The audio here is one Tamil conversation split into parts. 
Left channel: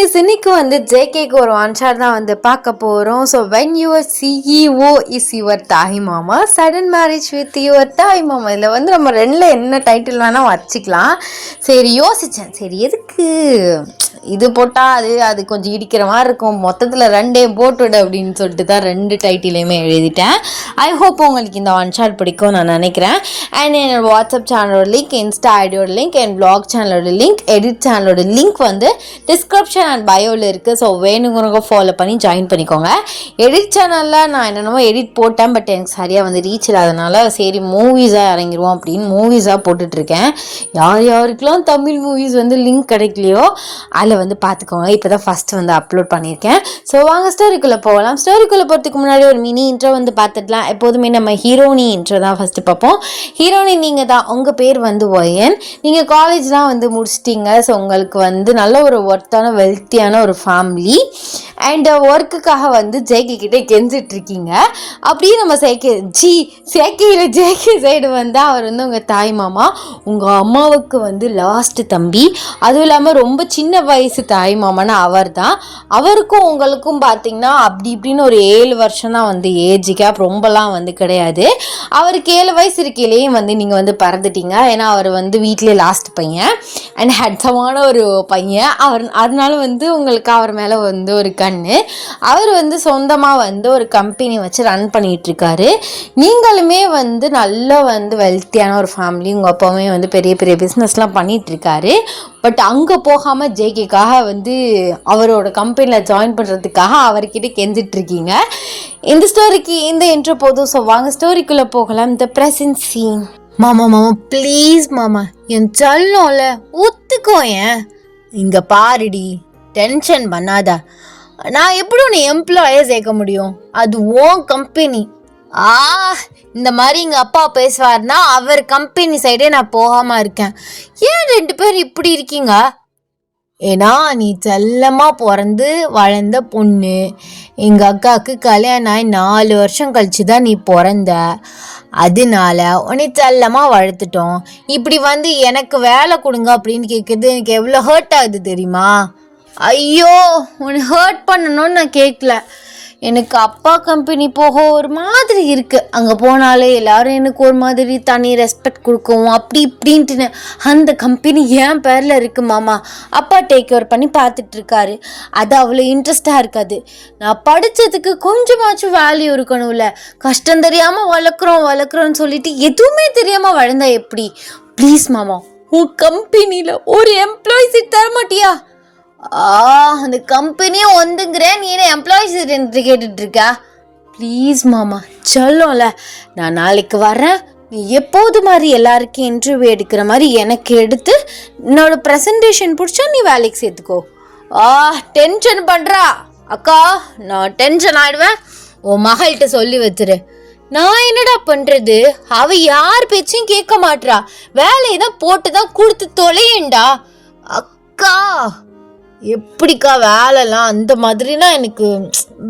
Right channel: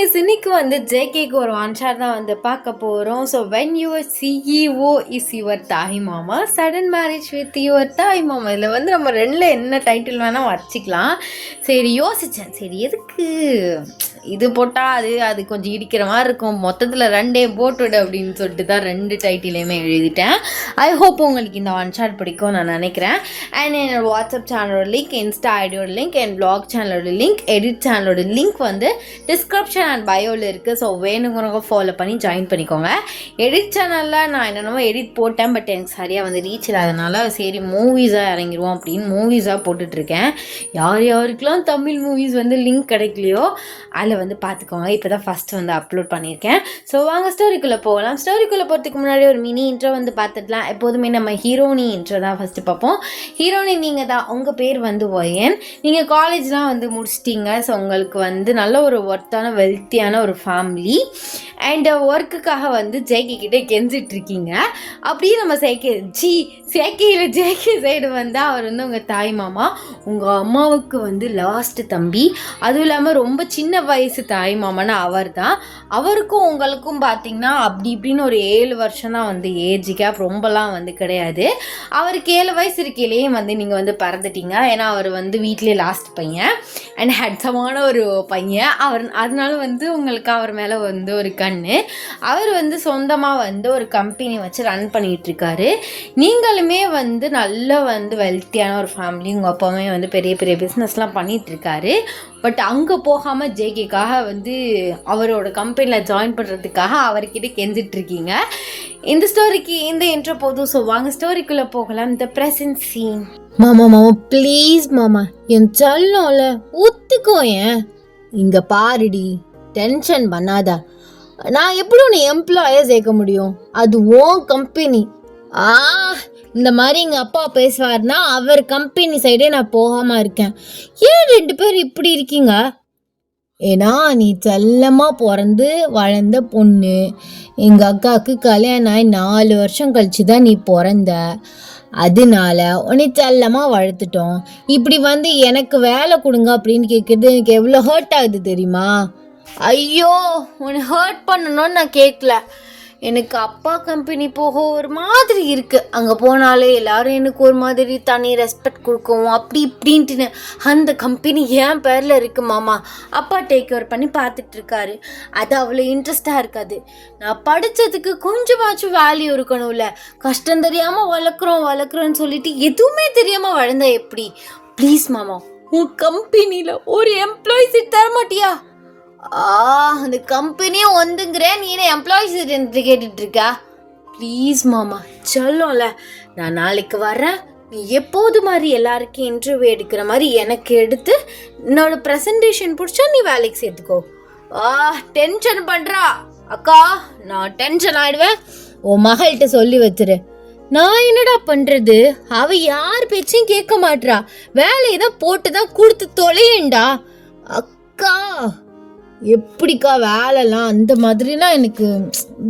கைஸ், இன்னைக்கு வந்து ஜேகேக்கு ஒரு ஒன் ஷாட் தான் வந்து பார்க்க போகிறோம். So when your CEO is your தாய் மாமா, சடன் மேரேஜ் வித் யுவர் தாய் மாமா. இதில் வந்து நம்ம ரெண்டில் என்ன டைட்டில் வேணால் வச்சுக்கலாம். சரி யோசித்தேன், சரி எதுக்கு இது போட்டால் அது கொஞ்சம் இடிக்கிற மாதிரி இருக்கும், மொத்தத்தில் ரெண்டே போட்டுவிடு அப்படின்னு சொல்லிட்டு தான் ரெண்டு டைட்டிலையுமே எழுதிட்டேன். ஐ ஹோப் உங்களுக்கு இந்த ஒன் ஷாட் பிடிக்கும் நான் நினைக்கிறேன். அண்ட் என்னோட வாட்ஸ்அப் சேனலோட லிங்க், இன்ஸ்டா ஐடியோட லிங்க், என் பிளாக் சேனலோட லிங்க், எடிட் சேனலோட லிங்க் வந்து டிஸ்கிரிப்ஷன் அண்ட் பயோவில் இருக்குது. ஸோ வேணுங்கிறவங்க ஃபாலோ பண்ணி ஜாயின் பண்ணிக்கோங்க. எடிட் சேனலில் நான் என்னென்னமோ எடிட் போட்டேன், பட் எனக்கு சரியாக வந்து ரீச் இல்லாதனால சரி மூவிஸாக இறங்கிடுவோம் அப்படின்னு மூவிஸாக போட்டுட்ருக்கேன். யார் யாருக்கெல்லாம் தமிழ் மூவிஸ் வந்து லிங்க் கிடைக்கலையோ அதில் வந்து பார்த்துக்கோங்க. இப்போ தான் ஃபஸ்ட்டு வந்து அப்லோட் பண்ணியிருக்கேன். ஸோ வாங்க ஸ்டோரிக்குள்ளே போகலாம். ஸ்டோரிக்குள்ளே போகிறதுக்கு முன்னாடி ஒரு மினி இன்ட்ரோ வந்து பார்த்துடலாம். எப்போதுமே நம்ம ஹீரோனி இன்ட்ரோ தான் ஃபஸ்ட்டு பார்ப்போம். ஹீரோனி நீங்கள் தான், உங்கள் பேர் வந்து ஒயன், நீங்கள் காலேஜ்லாம் வந்து முடிச்சிட்டிங்க. ஸோ உங்களுக்கு வந்து நல்ல ஒரு ஒர்த்தான வெல்த்தியான ஒரு ஃபேமிலி அண்ட் ஒர்க்குக்காக வந்து ஜேகே கிட்டே கெஞ்சிட்ருக்கீங்க. அப்படியே நம்ம சேக்கையில் ஜேகே சைடு வந்து அவர் வந்து உங்கள் தாய் மாமா, உங்கள் அம்மாவுக்கு வந்து லாஸ்ட்டு தம்பி, அதுவும் இல்லாமல் ரொம்ப சின்ன வயசு தாய் மாமான்னு அவர் தான். அவருக்கும் உங்களுக்கும் பார்த்திங்கன்னா அப்படி இப்படின்னு ஒரு 7 வருஷம் தான் வந்து ஏஜ் கேப், ரொம்பலாம் வந்து கிடையாது. அவருக்கு 7 வயசு இருக்கையிலேயும் வந்து நீங்கள் வந்து பறந்துட்டீங்க. ஏன்னா அவர் வந்து வீட்டிலே லாஸ்ட் பையன் அண்ட் ஹேட்ஸமான ஒரு பையன். அதனால வந்து உங்களுக்கு அவர் மேலே வந்து ஒரு அவர் வந்து சொந்தமாக வந்து ஒரு கம்பெனி வச்சு ரன் பண்ணிகிட்ருக்காரு. நீங்களுமே வந்து நல்லா வந்து வெல்த்தியான ஒரு ஃபேமிலி, உங்கள் அப்பாவுமே வந்து பெரிய பெரிய பிஸ்னஸ்லாம் பண்ணிகிட்ருக்காரு. பட் அங்கே போகாமல் ஜேகேக்காக வந்து அவரோட கம்பெனியில் ஜாயின் பண்ணுறதுக்காக அவர்கிட்ட கெஞ்சிட்ருக்கீங்க. இந்த ஸ்டோரிக்கு இந்த இன்ட்ரோ போதும். ஸோ வாங்க ஸ்டோரிக்குள்ளே போகலாம். The present scene. மாமா ப்ளீஸ் மாமா, என் சொல்லோல ஒத்துக்கோ. ஏன் இங்கே பாருடி, டென்ஷன் பண்ணாத. நான் எப்படி உன்னை எம்ப்ளாயே சேர்க்க முடியும்? அது ஓன் கம்பெனி. இந்த மாதிரி எங்கள் அப்பா பேசுவார்னா அவர் கம்பெனி சைடே நான் போகாமல் இருக்கேன். ஏன் 2 பேர் இப்படி இருக்கீங்க? ஏன்னா நீ செல்லமாக பிறந்து வளர்ந்த பொண்ணு. எங்கள் அக்காவுக்கு கல்யாணம் ஆகி 4 வருஷம் கழிச்சு தான் நீ பிறந்த. அதனால உன்னை செல்லமாக வளர்த்துட்டோம். இப்படி வந்து எனக்கு வேலை கொடுங்க அப்படின்னு கேட்குறது எனக்கு எவ்வளோ ஹர்ட் ஆகுது தெரியுமா? ஐயோ, உன்னை ஹர்ட் பண்ணணும்னு நான் கேட்கல. எனக்கு அப்பா கம்பெனி போக ஒரு மாதிரி இருக்குது. அங்கே போனாலே எல்லோரும் எனக்கு ஒரு மாதிரி தனி ரெஸ்பெக்ட் கொடுக்கவும் அப்படி இப்படின்ட்டு அந்த கம்பெனி என் பேரில் இருக்குது மாமா. அப்பா டேக் ஓவர் பண்ணி பார்த்துட்ருக்காரு. அது அவ்வளோ இன்ட்ரெஸ்டாக இருக்காது. நான் படித்ததுக்கு கொஞ்சமாச்சும் வேல்யூ இருக்கணும்ல. கஷ்டம் தெரியாமல் வளர்க்குறோன்னு சொல்லிட்டு எதுவுமே தெரியாமல் வளர்ந்தா எப்படி? ப்ளீஸ் மாமா, உன் கம்பெனியில் ஒரு எம்ப்ளாயி சீட் தர மாட்டியா? அந்த கம்பெனியும் வந்துங்கிறேன், நீ என்ன எம்ப்ளாயிஸ் என்று கேட்டுட்டு இருக்கா? ப்ளீஸ் மாமா, சொல்லல. நான் நாளைக்கு வரேன். நீ எப்போது மாதிரி எல்லாருக்கும் இன்டர்வியூ எடுக்கிற மாதிரி எனக்கு எடுத்து என்னோட ப்ரெசன்டேஷன் பிடிச்சா நீ வேலைக்கு சேர்த்துக்கோ. டென்ஷன் பண்ணுறா அக்கா, நான் டென்ஷன் ஆகிடுவேன். உன் மகள்கிட்ட சொல்லி வச்சிரு. நான் என்னடா பண்ணுறது? அவள் யார் பேச்சையும் கேட்க மாட்றா. வேலையை தான் போட்டு தான் கொடுத்து தொலையேண்டா. அக்கா எப்படிக்கா வேலைலாம் அந்த மாதிரினா எனக்கு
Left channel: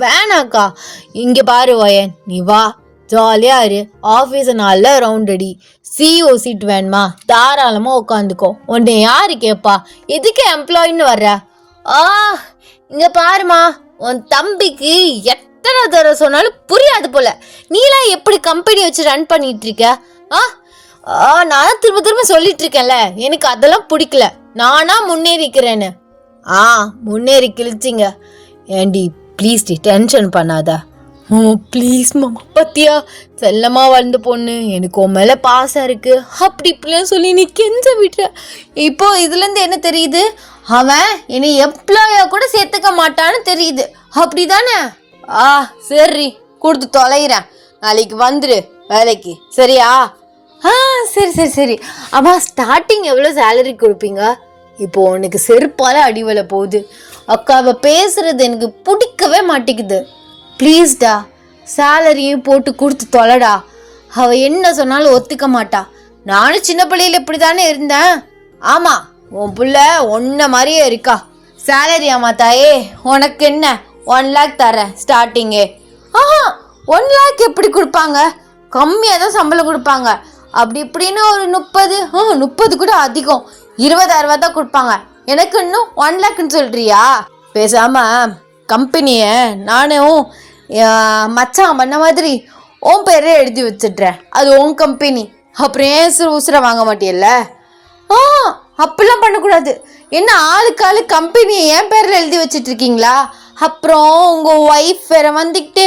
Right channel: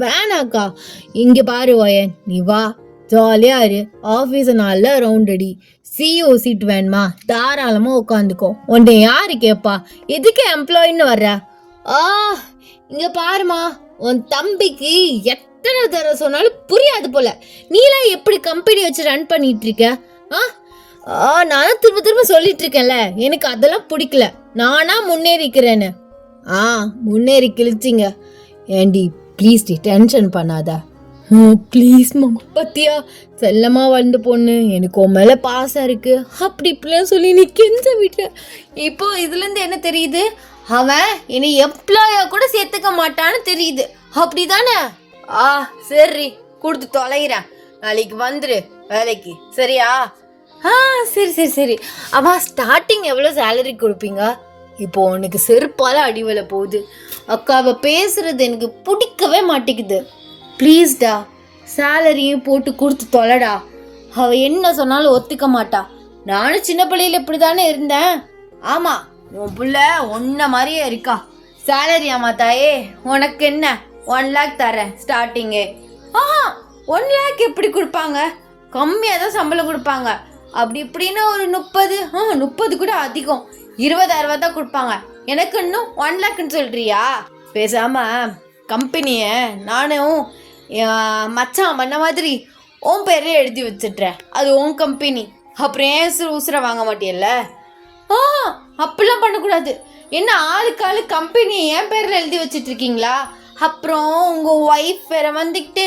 வேணாக்கா. இங்கே பாரு ஒயன், நீ வா, ஜாலியாக இரு, ஆஃபீஸை நல்லா ரவுண்ட் அடி. சிஓ சீட் வேணுமா? தாராளமாக உட்காந்துக்கோ. உன்னை யாரு கேட்பா? எதுக்கு எம்ப்ளாயின்னு வர்ற? இங்கே பாருமா, உன் தம்பிக்கு எத்தனை தடவை சொன்னாலும் புரியாது போல. நீலாம் எப்படி கம்பெனி வச்சு ரன் பண்ணிட்டு இருக்க? நான் திரும்ப சொல்லிட்டு இருக்கேன்ல, எனக்கு அதெல்லாம் பிடிக்கல. நானா முன்னேறிக்கிறேன்னு. முன்னேறி கிழிச்சிங்க. ஏண்டி ப்ளீஸ் டி, டென்ஷன் பண்ணாத. ப்ளீஸ் மாமா, பத்தியா செல்லமா வளர்ந்த பொண்ணு, எனக்கு உன் மேலே பாசம் இருக்கு, அப்படி இப்படிலாம் சொல்லி நீ கெஞ்ச விட்டுற. இப்போ இதுலேருந்து என்ன தெரியுது? அவன் என்னை எம்ப்ளாயா கூட சேர்த்துக்க மாட்டான்னு தெரியுது, அப்படி தானே? சரி, கொடுத்து தொலைகிறேன். நாளைக்கு வந்துடு வேலைக்கு, சரியா? சரி. அம்மா, ஸ்டார்டிங் எவ்வளோ சேலரி கொடுப்பீங்க? இப்போ உனக்கு செருப்பால அடிவலை போகுது. அக்கா, அவ பேசுறது எனக்கு பிடிக்கவே மாட்டேங்குது. ப்ளீஸ்டா, சேலரியும் போட்டு கொடுத்து தொலைடா. அவ என்ன சொன்னாலும் ஒத்துக்க மாட்டா. நானும் சின்ன பிள்ளையில இப்படி தானே இருந்தேன். ஆமாம், உன் பிள்ளை ஒன்ன மாதிரியே இருக்கா. சேலரி ஆமா தாயே, உனக்கு என்ன 1 lakh தரேன் ஸ்டார்டிங்கே. 1 lakh எப்படி கொடுப்பாங்க? கம்மியாக தான் சம்பளம் கொடுப்பாங்க. அப்படி இப்படின்னு ஒரு 30 கூட அதிகம், 20,000 தான் கொடுப்பாங்க. எனக்கு இன்னும் 1 lakhன்னு சொல்றியா? பேசாம கம்பெனியை நானும் மச்சான் பண்ண மாதிரி உன் பேரே எழுதி வச்சிட்றேன். அது உன் கம்பெனி. அப்புறம் ஏன் உசுரை வாங்க மாட்டியல்ல? அப்படிலாம் பண்ணக்கூடாது. என்ன ஆளுக்கு ஆளு கம்பெனியை என் பேரில் எழுதி வச்சிட்டு இருக்கீங்களா? அப்புறம் உங்கள் ஒய்ஃப் வேற வந்துக்கிட்டு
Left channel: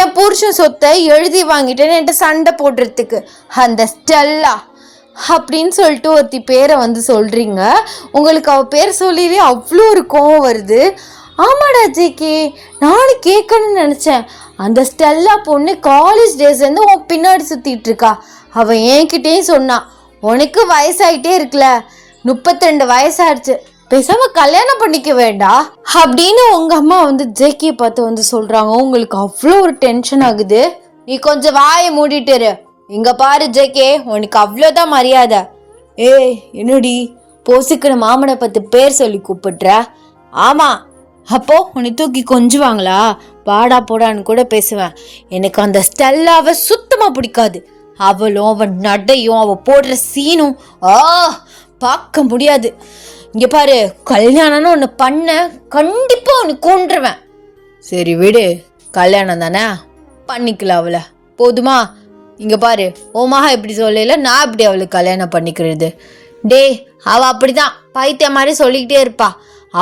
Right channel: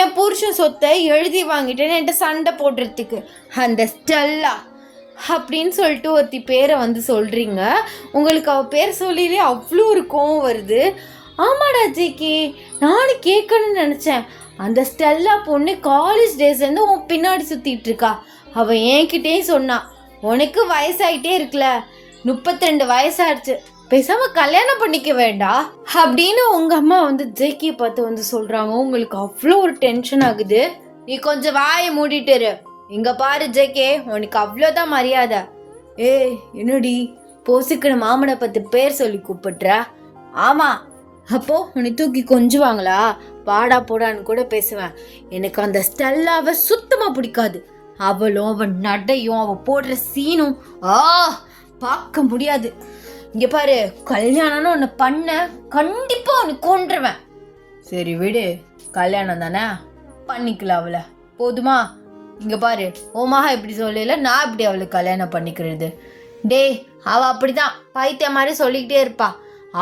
என் புருஷன் சொத்தை எழுதி வாங்கிட்டேன்னு என்கிட்ட சண்டை போடுறதுக்கு அந்த ஸ்டெல்லா அப்படின்னு சொல்லிட்டு ஒருத்தி பேரை வந்து சொல்கிறீங்க. உங்களுக்கு அவள் பேர் சொல்லிலே அவ்வளோ ஒரு கோவம் வருது. ஆமாடா ஜேகே, நானும் கேட்கணும்னு நினச்சேன். அந்த ஸ்டெல்லா பொண்ணு காலேஜ் டேஸ்லேருந்து உன் பின்னாடி சுற்றிட்டு இருக்கா. அவள் என்கிட்டேயும் சொன்னான், உனக்கு வயசாயிட்டே இருக்குல்ல, 32 வயசாயிடுச்சு, பேசாம கல்யாணம் பண்ணிக்க வேண்டாம் அப்படின்னு உங்க அம்மா வந்து ஜேகே பார்த்து வந்து சொல்றாங்க. உங்களுக்கு அவ்வளோ ஒரு டென்ஷன் ஆகுது. நீ கொஞ்சம் வாயை மூடிட்டுரு. இங்க பாரு ஜேகே, உனக்கு அவ்வளோதான் மரியாதை. என்னடி போசுக்குன்னு மாமனை பத்து பேர் சொல்லி கூப்பிடுற? ஆமா, அப்போ உன்னை தூக்கி கொஞ்சுவாங்களா? பாடா போடான்னு கூட பேசுவேன். எனக்கு அந்த ஸ்டெல்லாவை சுத்தமா பிடிக்காது. அவளும் அவன் நடையும் அவ போடுற சீனும் பார்க்க முடியாது. இங்க பாரு, கல்யாணம்னு ஒன்று பண்ண கண்டிப்பா ஒன்று கொன்றுவேன். சரி விடு, கல்யாணம் தானே, பண்ணிக்கலாம் அவளை, போதுமா? இங்க பாரு, ஓமாக எப்படி சொல்லல, நான் எப்படி அவளுக்கு கல்யாணம் பண்ணிக்கிறது? டேய், அவ அப்படிதான் பைத்திய மாதிரி சொல்லிக்கிட்டே இருப்பா.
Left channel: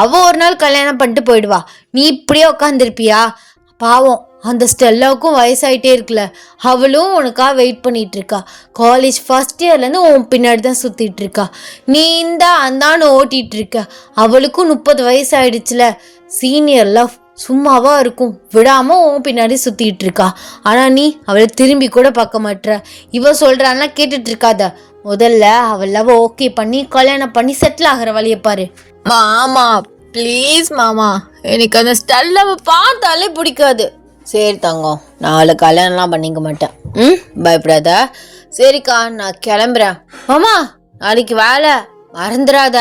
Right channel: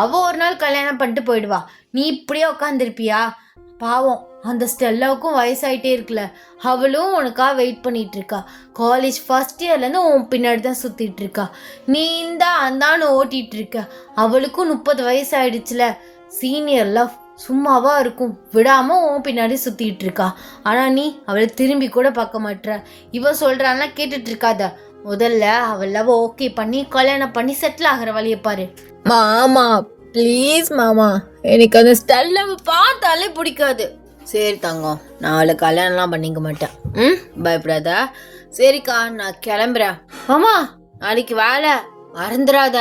அவ ஒரு நாள் கல்யாணம் பண்ணிட்டு போயிடுவா. நீ இப்படியே உட்காந்துருப்பியா? பாவம், அந்த ஸ்டெல்லாவுக்கும் வயசாயிட்டே இருக்குல்ல, அவளும் உனக்காக வெயிட் பண்ணிட்டு இருக்கா. காலேஜ் ஃபர்ஸ்ட் இயர்லேருந்து உன் பின்னாடி தான் சுற்றிட்டு இருக்கா. நீ இந்த அந்தான்னு ஓட்டிகிட்டு இருக்க. அவளுக்கும் 30 வயசு ஆயிடுச்சுல. சீனியர் லவ் சும்மாவா இருக்கும், விடாமல் உன் பின்னாடி சுற்றிட்டு இருக்கா. ஆனால் நீ அவளை திரும்பி கூட பார்க்க மாட்ற. இவ சொல்கிறான்னா கேட்டுட்டு இருக்காத. முதல்ல அவள் லவ் ஓகே பண்ணி கல்யாணம் பண்ணி செட்டில் ஆகிற வழியை பாரு. மாமா ப்ளீஸ் மாமா, எனக்கு அந்த ஸ்டெல்லாவை பார்த்தாலே பிடிக்காது. சரி தங்கம், நான் அவளை கல்யாணம்லாம் பண்ணிக்க மாட்டேன். பயப்படாத. சரிக்கா, நான் கிளம்புறேன். மாமா, நாளைக்கு வேலை மறந்துடாத.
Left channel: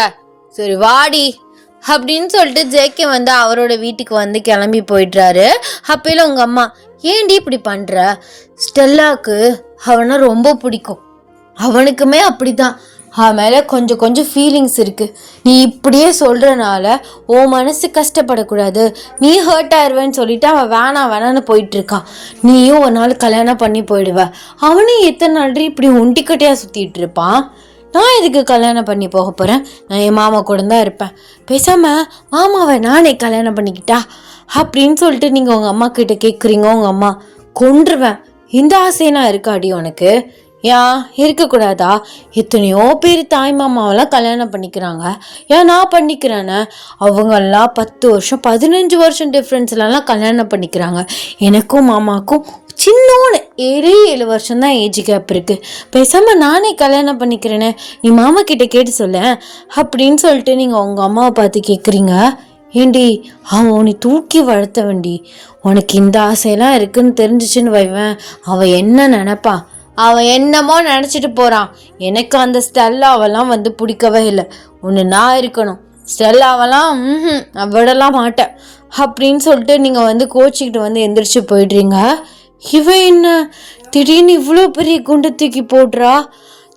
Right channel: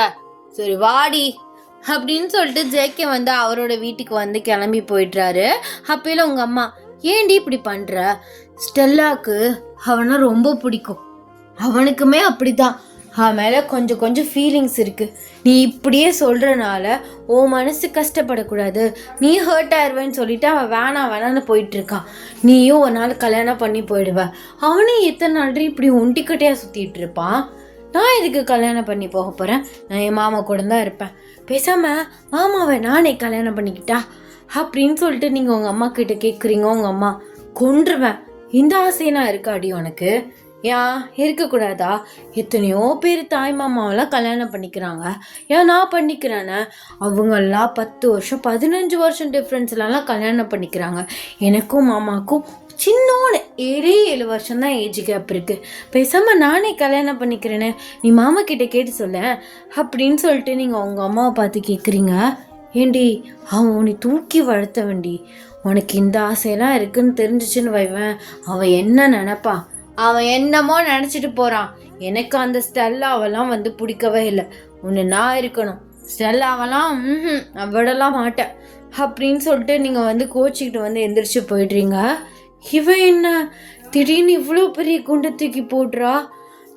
சரி வாடி அப்படின்னு சொல்லிட்டு ஜேகே வந்து அவரோட வீட்டுக்கு வந்து கிளம்பி போயிடுறாரு. அப்பயில உங்க அம்மா, ஏண்டி இப்படி பண்ற? ஸ்டெல்லாவுக்கு அவனை ரொம்ப பிடிக்கும், அவனுக்குமே அப்படிதான். அவன் மேலே கொஞ்சம் கொஞ்சம் ஃபீலிங்ஸ் இருக்குது. நீ இப்படியே சொல்கிறனால உன் மனசு கஷ்டப்படக்கூடாது, நீ ஹர்ட் ஆயிடுவேன்னு சொல்லிட்டு அவன் வேணான்னு போயிட்டுருக்கான். நீயும் ஒரு நாள் கல்யாணம் பண்ணி போயிடுவ. அவனும் எத்தனை நாள் இப்படி ஒண்டிக்கட்டையாக சுற்றிட்டு இருப்பான். நான் இதுக்கு கல்யாணம் பண்ணி போக போகிறேன், நான் என் மாமா கூட தான் இருப்பேன். பேசாமல் மாமாவை நானே கல்யாணம் பண்ணிக்கிட்டா அப்படின்னு சொல்லிட்டு நீங்கள் உங்கள் அம்மா கிட்ட கேட்குறீங்க. உங்கள் அம்மா, கொன்றுவேன், இந்த ஆசைனா இருக்காடி உனக்கு? ஏன் இருக்கக்கூடாதா? எத்தனையோ பேர் தாய் மாமாவெல்லாம் கல்யாணம் பண்ணிக்கிறாங்க, ஏன் நான் பண்ணிக்கிறேன்னு? அவங்கெல்லாம் 10 வருஷம் 15 வருஷம் டிஃப்ரென்ஸ்லாம் கல்யாணம் பண்ணிக்கிறாங்க. எனக்கும் மாமாவுக்கும் சின்னோன்னு 7 வருஷம் தான் ஏஜ் கேப் இருக்குது. பேசாமல் நானே கல்யாணம் பண்ணிக்கிறேன்னு நீ மாமா கிட்ட கேட்டு சொல்ல அப்படின்னு சொல்லிட்டு நீங்கள் உங்கள் அம்மாவை பார்த்து கேட்குறீங்க. ஏண்டி, அவன் உன்னை தூக்கி வளர்த்த வேண்டி, உனக்கு இந்த ஆசையெல்லாம் இருக்குன்னு தெரிஞ்சிச்சுன்னு வைவேன், அவன் என்ன நினைப்பா? அவன் என்னமோ நினச்சிட்டு போகிறான். எனக்கு அந்த ஸ்டெல்லாவெல்லாம் வந்து பிடிக்கவே இல்லை. ஒன்று நான் இருக்கணும், ஸ்டெல்லாவெல்லாம் நான் விடலாம் மாட்டேன் அப்படின்னு சொல்லிட்டு நீங்கள் வந்து கோச்சிக்கிட்டு வந்து எந்திரிச்சு போயிடுறீங்க. இவன் என்ன திடீர்னு இவ்வளோ பெரிய குண்டை தூக்கி போடுறா?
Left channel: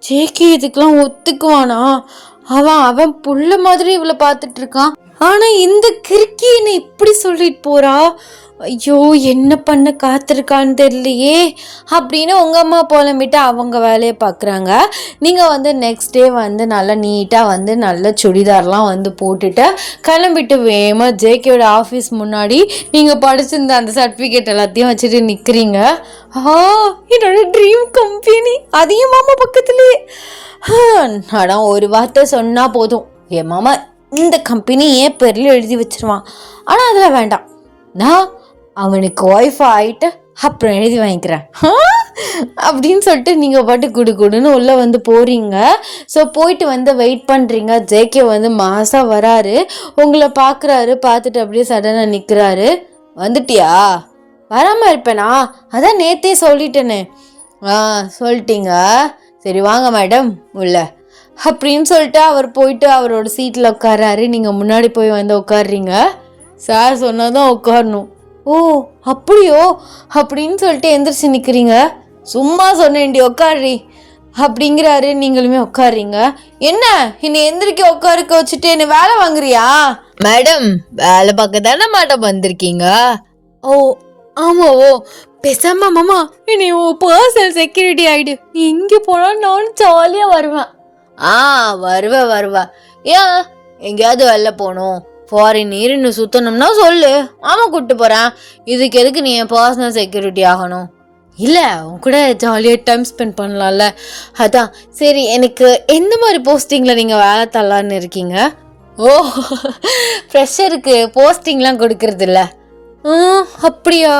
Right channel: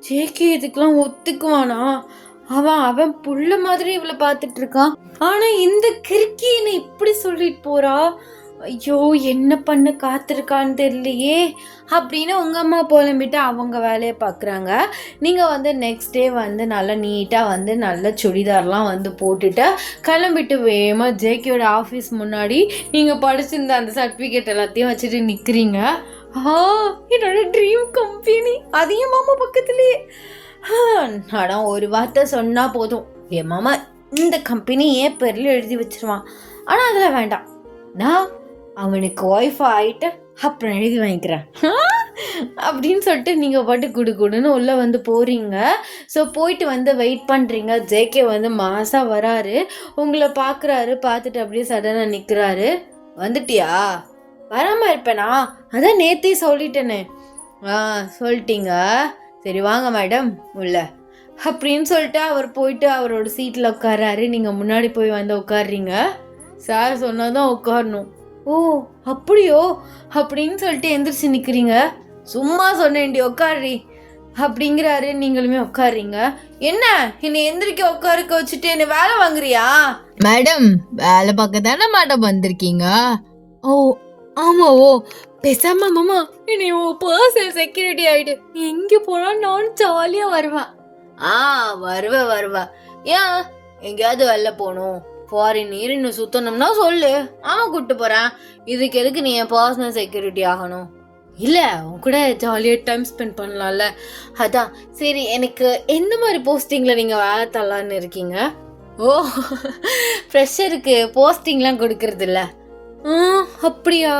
ஜேகே இதுக்கெல்லாம் ஒத்துக்குவானா? அவன் புள்ள மாதிரி இவ்வளோ பார்த்துட்டு இருக்கான். ஆனால் இந்த கிறுக்கி என்னை இப்படி சொல்லிட்டு போறா. ஐயோ, என்ன பண்ண காத்திருக்கான்னு தெரியலையே அப்படின்னு உங்கள் அம்மா புலம்பிட்டு அவங்க வேலையை பார்க்குறாங்க. நீங்கள் வந்து நெக்ஸ்ட் டே வந்து நல்லா நீட்டாக வந்து நல்ல சுடிதார்லாம் வந்து போட்டுட்டு கிளம்பிட்டு வேகமாக ஜேகேயோட ஆஃபீஸ் முன்னாடி நீங்கள் படிச்சிருந்த அந்த சர்டிஃபிகேட் எல்லாத்தையும் வச்சுட்டு நிற்கிறீங்க. என்னோட ட்ரீம் கம்பெனி அதையும் மாமா பக்கத்துலேயே. நான் ஒரு வார்த்தை சொன்னால் போதும், என் மாமா இந்த கம்பெனி ஏன் பேரில் எழுதி வச்சிருவான். ஆனால் அதில் வேண்டாம், நான் அவனுக்கு ஒய்ஃப் ஆகிட்டு அப்புறம் எழுதி வாங்கிக்கிறேன் அப்படின்னு சொல்லிட்டு நீங்கள் பாட்டு குடுன்னு உள்ளே வந்து போகிறீங்க. ஸோ போயிட்டு வந்து வெயிட் பண்ணுறீங்க. ஜேகே வந்து மாதம் வராரு, உங்களை பார்க்குறாரு, பார்த்துட்டு அப்படியே சடனாக நிற்கிறாரு. வந்துட்டியா? வராமல் இருப்பேனா? அதான் நேற்றே சொல்லிட்டேனே. சொல்லிட்டீங்க, சரி வாங்க மேடம் உள்ள அப்படின்னு சொல்லிட்டு அவர் போயிட்டு அவரோட சீட்டில் உட்காராரு. நீங்கள் முன்னாடி போய் வந்து உட்காடுறீங்க. சார் சொன்னதான் உட்காரணும். ஓ அப்படியோ அப்படின்னு சொல்லிட்டு எந்திரிச்சு நிற்கிறீங்க. சும்மா சொன்னேன்டி உட்காடுறி. அப்படிங்கிறாரு. நீங்களுமே உட்காருறீங்க. என்ன என்னை எந்திரிக்க உட்காருக்க வச்சுட்டு என்ன வேலை வாங்குறியா? மேடம், வேலை பார்க்க தானே மேடம் வந்திருக்கீங்க? ஓ ஆமா. ஓ பேசாம மாமா என்னை பர்சனல் செக்யூரிட்டி ஆயிடு. நீ எங்கே போனாலும் நானும் ஜாலியா வருவேன். வருவா. ஏன் எங்கேயாவது வெளில போகணும், ஃபாரின் நீர்னு சுத்தணும்னா சொல்லு, மாமா கூப்பிட்டு போறேன். இதுக்கு எதுக்கு நீ என் பர்சனல் செக்யூரிட்டி ஆகணும்? இல்லை, உன் கூட ஜாலியாக டைம் ஸ்பெண்ட் பண்ணலாம்ல, அதான். சரி, எனக்கு எந்த மாதிரி போஸ்டிங்கில் நீங்கள் வேலை தரலான்னு இருக்கீங்க? ஓ, ஃப்ரெஷருக்கு போஸ்டிங்லாம் கொடுக்கறது இல்லை. அப்படியா?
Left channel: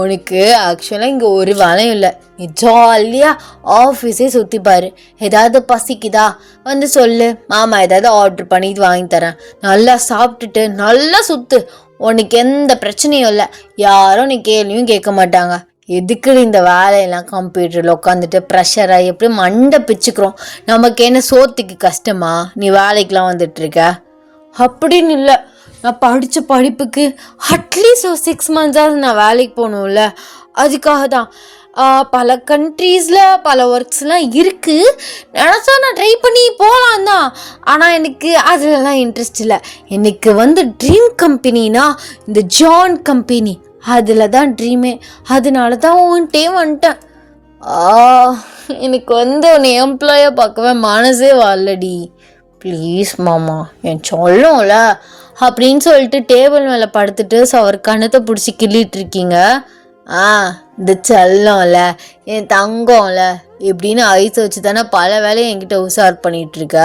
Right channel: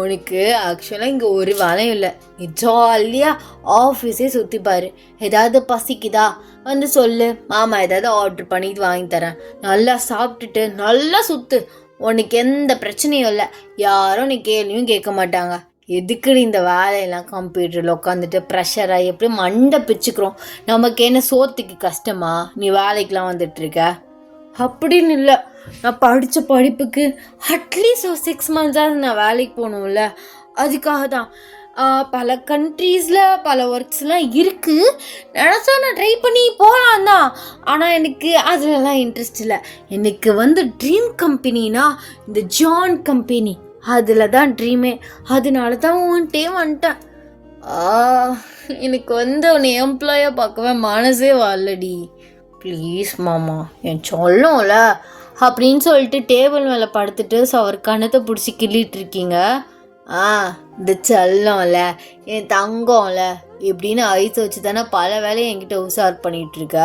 உனக்கு ஆக்சுவலாக இங்கே ஒரு வேலையும் இல்லை. நீ ஜாலியாக ஆஃபீஸே சுற்றி பாரு. ஏதாவது பசிக்குதா வந்து சொல்லு, மாமா ஏதாவது ஆர்டர் பண்ணி வாங்கி தரேன். நல்லா சாப்பிட்டுட்டு நல்லா சுற்று. உனக்கு எந்த பிரச்சனையும் இல்லை. யாரும் நீ கேள்வியும் கேட்க மாட்டாங்க. எதுக்கு இந்த வேலையெல்லாம் கம்ப்யூட்டரில் உட்காந்துட்டு ப்ரெஷராக எப்படி மண்டை பிச்சுக்கிறோம்? நமக்கு என்ன சோத்துக்கு கஷ்டமா நீ வேலைக்கெலாம் வந்துட்டுருக்க? அப்படின்னு இல்லை, நான் படித்த படிப்புக்கு அட்லீஸ்ட் ஒரு 6 months நான் வேலைக்கு போகணும்ல, அதுக்காக தான். பல கண்ட்ரீஸில் பல ஒர்க்ஸ்லாம் இருக்குது. நினச்சா நான் ட்ரை பண்ணி போகலாம் தான். ஆனால் எனக்கு அதுலலாம் இன்ட்ரெஸ்ட் இல்லை. எனக்கு வந்து ட்ரீம் கம்பெனினா இந்த ஜான் கம்பெனி, அதில் தான் ட்ரீமே. அதனால தான் உன்ட்டே வந்துட்டேன். எனக்கு வந்து உன்னை எம்ப்ளாயாக பார்க்கவே மனசே வரலடி. ப்ளீஸ் மாமா, என் சொல்லும்ல அப்படின்னு சொல்லிட்டு டேபிள் மேலே படுத்துட்டு அவர் கண்ணத்தை பிடிச்சி கிள்ளிட்டு இருக்கீங்க. இந்த செல்லம்ல, என் தங்கம்ல இப்படின்னு ஐஸ் வச்சு தானே பல வேலையை என்கிட்ட உஷார் பண்ணிட்டு இருக்க.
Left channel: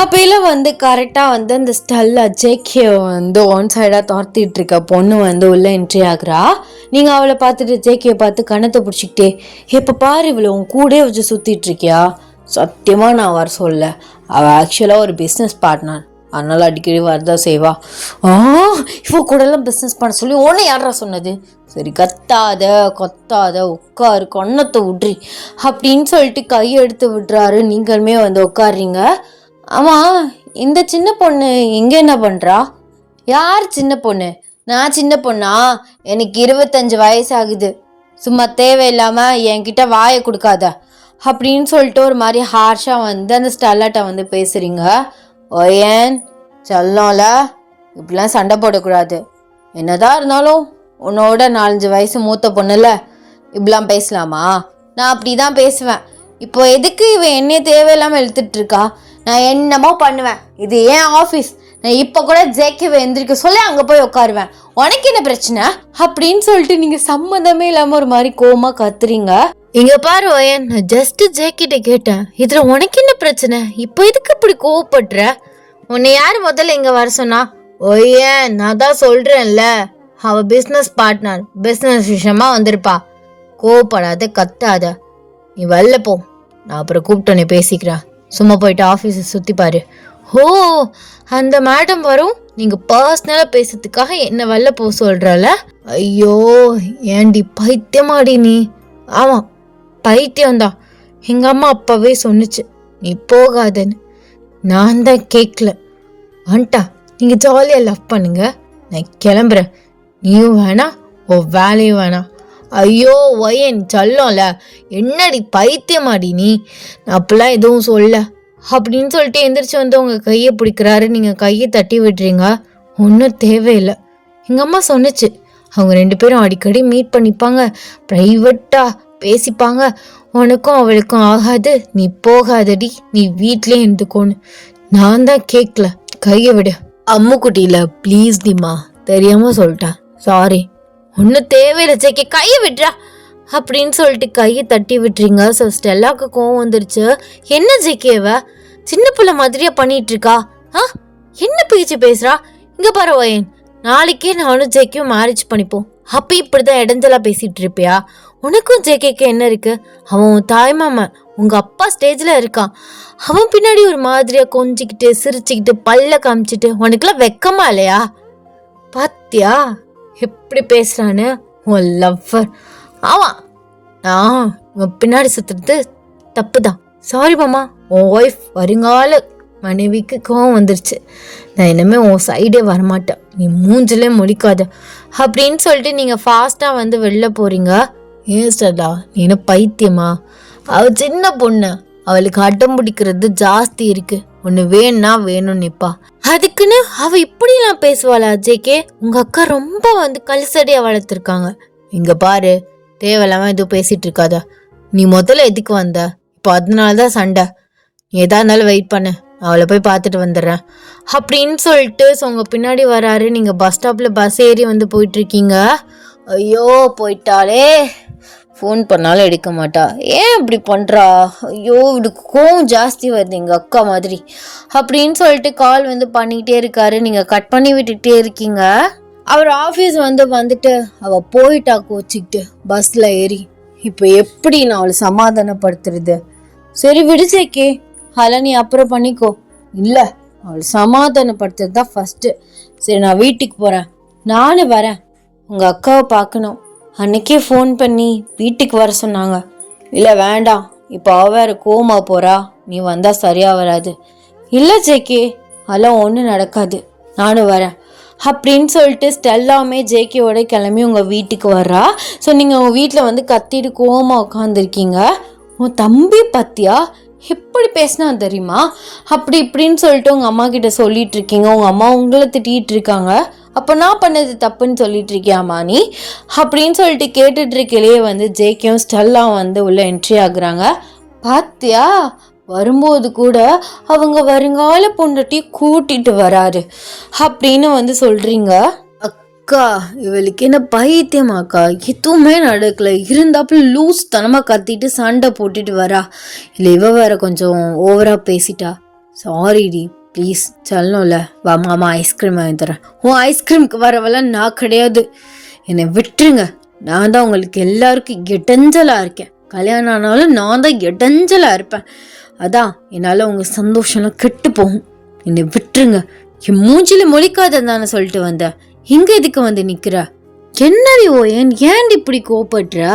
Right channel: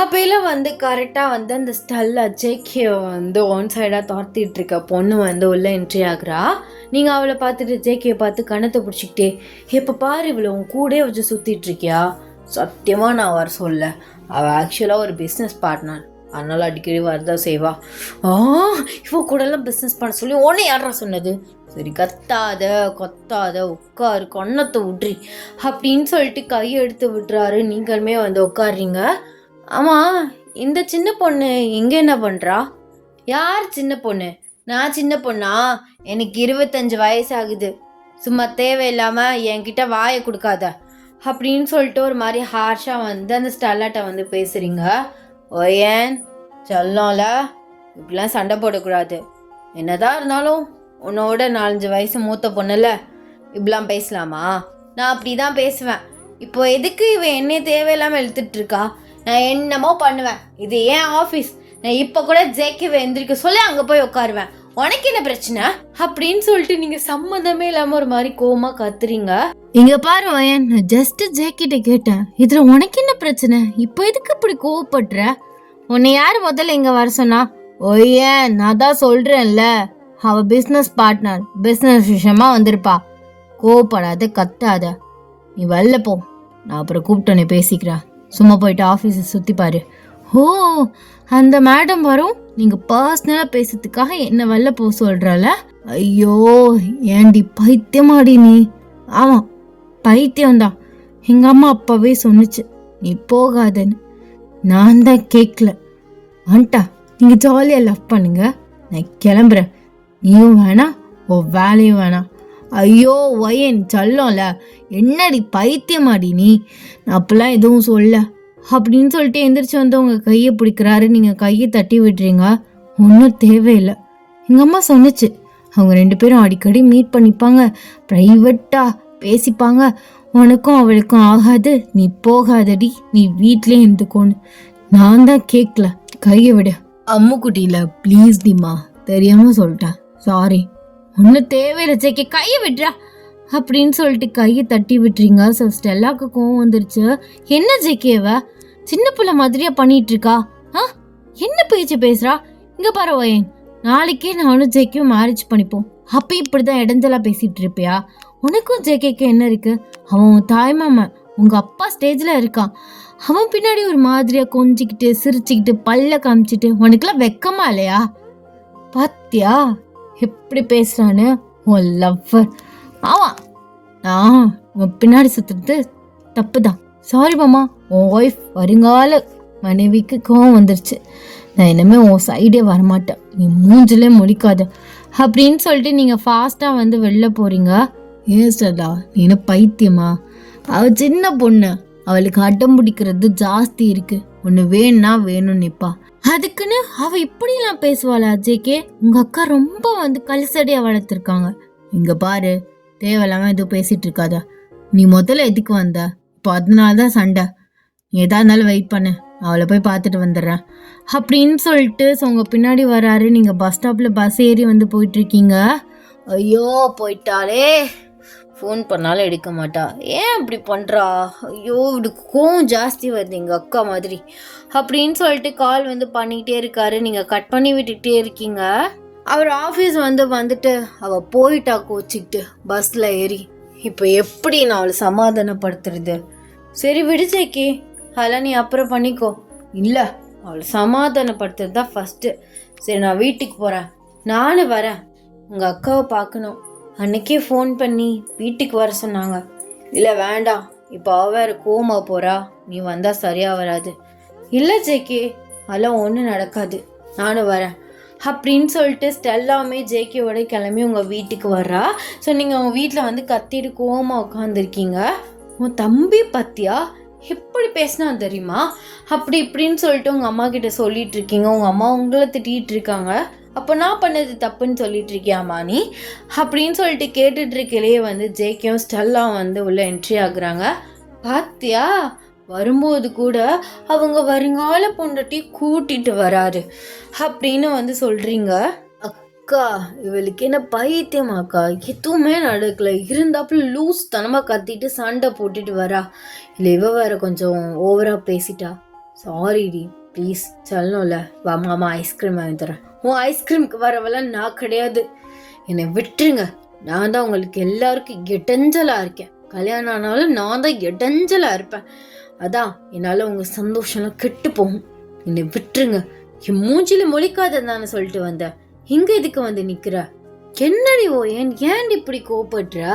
அப்பையில் வந்து கரெக்டாக வந்து அந்த ஸ்டெல்லா ஜேக்கியை வந்து ஒன் சைடாக துரத்திட்டு இருக்க பொண்ணு வந்து உள்ளே என்ட்ரி ஆகுறா. நீங்கள் அவளை பார்த்துட்டு ஜேக்கியை பார்த்து கண்ணத்தை பிடிச்சிக்கிட்டே, இப்போ பாரு இவ்வளோ உன் கூடயே வச்சு சுற்றிட்டு இருக்கியா? சத்தியமாக நான் வர சொல்ல. அவள் ஆக்சுவலாக ஒரு பிஸ்னஸ் பார்ட்னர், அதனால் அடிக்கடி வரதான் செய்வா. இவ கூடலாம் பிஸ்னஸ் பண்ண சொல்லி உன்னை யாரா சொன்னது? சரி, கொத்தாத உட்காரு, கண்ணத்தை விட்றி அப்படின்னு சொல்லிட்டு கையெடுத்து விடுறாரு. நீங்களுமே வந்து உட்காடுறீங்க. ஆமாம், இந்த சின்ன பொண்ணு எங்கே என்ன பண்ணுறா? யார் சின்ன பொண்ணு? நான் சின்ன பொண்ணா? எனக்கு 25 வயசு ஆகுது. சும்மா தேவையில்லாமல் என்கிட்ட வாயை கொடுக்காத அப்படின்னு சொல்லிட்டு ஒரு மாதிரி ஹார்ஷாக வந்து அந்த ஸ்டெல்லாட்ட வந்து பேசுகிறீங்க. ஓயன் சொல்லல, இப்படிலாம் சண்டை போடக்கூடாது. என்னதான் இருந்தாலும் உன்னோட 4-5 வயசு மூத்த பொண்ணுல இப்படிலாம் பேசலாமா? நான் அப்படி தான் பேசுவேன். இப்போ எதுக்கு இவன் என்னைய தேவையில்லாமல் இழுத்துட்டு இருக்கா? நான் என்னமோ பண்ணுவேன், இது ஏன் ஆஃபீஸ். நான் இப்போ கூட ஜேக்கிவை எந்திரிக்க சொல்லி அங்கே போய் உட்காருவேன். உனக்கு என்ன பிரச்சனை அப்படின்னு சொல்லிட்டு நீங்கள் சம்மந்தமே இல்லாமல் ஒரு மாதிரி கோமா கத்துறீங்க. இங்க பாரு ஓயன், நான் ஜஸ்ட் ஜேக்கிட்ட கேட்டேன், இதுல உனக்கு என்ன பிரச்சனை? இப்போ எதுக்கு இப்படி கோவப்படுற? உன்னை யார் முதல்ல இங்க வர சொன்னா? ஓயன், நான் தான் சொல்றேன்ல, அவ பிஸ்னஸ் பார்ட்னர், பிஸ்னஸ் விஷயமா வந்திருப்பா. கோவப்படாத, கத்தாத. நீ வெளில போ, நான் அப்புறம் கூப்பிட்டோன்னே பேசிக்கிறேன். சும்மா போயிட்டு ஆஃபீஸை சுற்றி பாரு. ஓ, அந்த மேடம் வரும், நீங்கள் பர்சனலாக பேசுறதுக்காக என்ன வெளில போக சொல்கிறல? ஐயோ, ஏண்டி பைத்தியமாடி நீ? ஆமாம், பைத்தியம்தான். எங்கள் அம்மா அப்பாவே சொன்னிச்சு நீ போகாதன்னு. நான் தான் கேட்கல. வந்துட்டா, நீங்கள் ஜாலியாக லவ் பண்ணுங்க, நான் கிளம்புறேன். நீயும் வேணாம், ஓ வேலையும் வேணாம். ஐயோ ஒயன் சொல்லல, என்னடி பைத்தியமாடி நீ? நான் அப்பெல்லாம் எதுவும் சொல்ல அப்படின்னு சொல்லிட்டு எந்திரிச்சு வந்து உங்கள் கையை பிடிக்கிறாரு. நீங்கள் கையை தட்டி விடுறீங்க. ஒன்றும் தேவையில்லை. எங்கள் அம்மா சொன்னிச்சு அவங்க 2 பேரும் அடிக்கடி மீட் பண்ணிப்பாங்க, ப்ரைவேட்டாக பேசிப்பாங்க. உனக்கும் அவளுக்கும் ஆகாது, நீ போகாதடி, நீ வீட்லேயே இருந்துக்கோன்னு. நான் தான் கேட்கல. கையை விடு. அம்முக்குட்டியில் ப்ளீஸ் டிமா, தெரியாமல் சொல்லிட்டேன், சாரி. ஒன்றும் தேவையில்லை ஜேக்கே, கையை விட்றா அப்படின்னு சொல்லிட்டு கையை தட்டி விட்டுறீங்க. ஸோ ஸ்டெல்லாவுக்கு கோவம் வந்துருச்சு. என்ன ஜேக்கேவ சின்ன பிள்ளை மாதிரியா பண்ணிட்டு இருக்கா? என்ன பேச்சு பேசுறா? இங்க பாரு வயன், நாளைக்கே நானும் ஜேக்கையும் மேரேஜ் பண்ணிப்போம். அப்போ இப்படிதான் இடைஞ்சலா பேசிட்டு இருப்பியா? உனக்கும் ஜேகேக்கு என்ன இருக்கு? அவன் உன் தாய்மாமன், உங்க அப்பா ஸ்டேஜ்ல இருக்கான். அவன் பின்னாடி ஒரு மாதிரியா கொஞ்சிக்கிட்டு சிரிச்சுக்கிட்டு பல்ல காமிச்சிட்டு உனக்குலாம் வெக்கமா இல்லையா? பாத்தியா எப்படி பேசுறான்னு உன் லவ்வர். ஆமாம், நான் உன் பின்னாடி சுத்துறது தப்பு தான். சாரி மாமா, உன் ஒய்ஃப் வருங்கால மனைவிக்கு கோவம் வந்துருச்சு. நான் இனிமே உன் சைடே வரமாட்டேன், நீ மூஞ்சிலே முடிக்காத அப்படின்னு சொல்லிட்டு நீங்கள் ஃபாஸ்ட்டாக வந்து வெளில போகிறீங்க. ஏன் சதா, நீ என்ன பைத்தியமா? அவ சின்ன பொண்ணு, அவளுக்கு அடம் பிடிக்கிறது ஜாஸ்தி இருக்கு. ஒன்று வேணும்னா வேணும் நிப்பா. அதுக்குன்னு அவ இப்படிலாம் பேசுவாளா ஜேகே? உங்க அக்கா ரொம்ப கல்சடியா வளர்த்துருக்காங்க. இங்க பாரு, தேவையில்லாம எதுவும் பேசிட்டு இருக்காத. நீ முதல்ல எதுக்கு வந்த? இப்போ அதனாலதான் சண்டை. நீ எதா இருந்தாலும் வெயிட் பண்ணு, அவளை போய் பார்த்துட்டு வந்துடுறேன் அப்படின்னு சொல்லிட்டு உங்க பின்னாடி வராரு. நீங்க பஸ் ஸ்டாப்ல பஸ் ஏறி போயிட்டு இருக்கீங்க. ஐயோ போயிட்டாலே, ஃபோன் பண்ணாலும் எடுக்க மாட்டா. ஏன் இப்படி பண்ணுறா? ஐயோ இவளுக்கு கோவம் ஜாஸ்தி வருது எங்கள் அக்கா மாதிரி அப்படின்னு சொல்லிட்டு கால் பண்ணிக்கிட்டே இருக்காரு. நீங்கள் கட் பண்ணி விட்டுக்கிட்டே இருக்கீங்க. அவர் ஆஃபீஸ் வந்துட்டு அவள் போயிட்டா கோச்சிக்கிட்டு பஸ்ஸில் ஏறி. இப்போ எப்படி நான் அவளை சமாதானப்படுத்துறது? சரி விடுச்சேக்கே, அதெல்லாம் நீ அப்புறம் பண்ணிக்கோ. இல்லை, அவளை சமாதானப்படுத்துறது தான் ஃபஸ்ட்டு. சரி நான் வீட்டுக்கு போகிறேன், நானும் வரேன். உங்கள் அக்காவை பார்க்கணும். அன்னைக்கே ஃபோன் பண்ணி வீட்டுக்கு வர சொன்னாங்க. இல்லை வேண்டாம், இப்போ அவ வேற கோமா போகிறா, நீ வந்தால் சரியாக வராது. இல்லை ஜேகே, அதெல்லாம் ஒன்றும் நடக்காது, நானும் வரேன் அப்படின்னு சொல்லிட்டு ஸ்டெல்லாமே ஜேகேவோட கிளம்பி உங்கள் வீட்டுக்கு வர்றா. ஸோ நீங்கள் உங்கள் வீட்டில் கத்திட்டு கோமா உட்காந்துருக்கீங்க. உன் தம்பி பத்தியா எப்படி பேசினா தெரியுமா அப்படி இப்படின்னு சொல்லிட்டு உங்கள் அம்மா கிட்ட சொல்லிட்டு இருக்கீங்க. உங்கள் அம்மா உங்களை திட்டிகிட்டு இருக்காங்க. அப்போ நான் பண்ணது தப்புன்னு சொல்லிட்டு இருக்கியாமா நீ அப்படின்னு சொல்லிட்டு கேட்டுட்டு இருக்கையிலேயே ஜேகேயும் ஸ்டெல்லாம் உள்ள என்ட்ரி ஆகுறாங்க. பாத்தியா, வரும்போது கூட அவங்க வருங்கால பொண்டாட்டி கூட்டிட்டு வராரு அப்படின்னு சொல்றீங்க. அக்கா இவளுக்கு என்ன பைத்தியமாக்கா? எதுவுமே நடக்கல, இருந்தாப்புல லூஸ் தனமா கத்திட்டு சண்டை போட்டுட்டு வரா. இல்லை இவ வேற கொஞ்சம் ஓவரா பேசிட்டா. சாரிடி ப்ளீஸ், சொல்லணும்ல. வா மாமா ஐஸ்கிரீம் வாங்கி தரேன். உன் ஐஸ்கிரீமுக்கு வரவெல்லாம் நான் கிடையாது, என்னை விட்டுருங்க. நான் தான் உங்களுக்கு எல்லாருக்கும் இடைஞ்சலா இருக்கேன். கல்யாணம் ஆனாலும் நான் தான் இடைஞ்சலா இருப்பேன். அதான் என்னால் உங்கள் சந்தோஷம்லாம் கெட்டு போகும். என்னை விட்டுருங்க. என் மூஞ்சில மொழிக்காததானே சொல்லிட்டு வந்தேன். இங்க எதுக்கு நிக்கிற? என்னடி ஏன் இப்படி கோபப்படுற?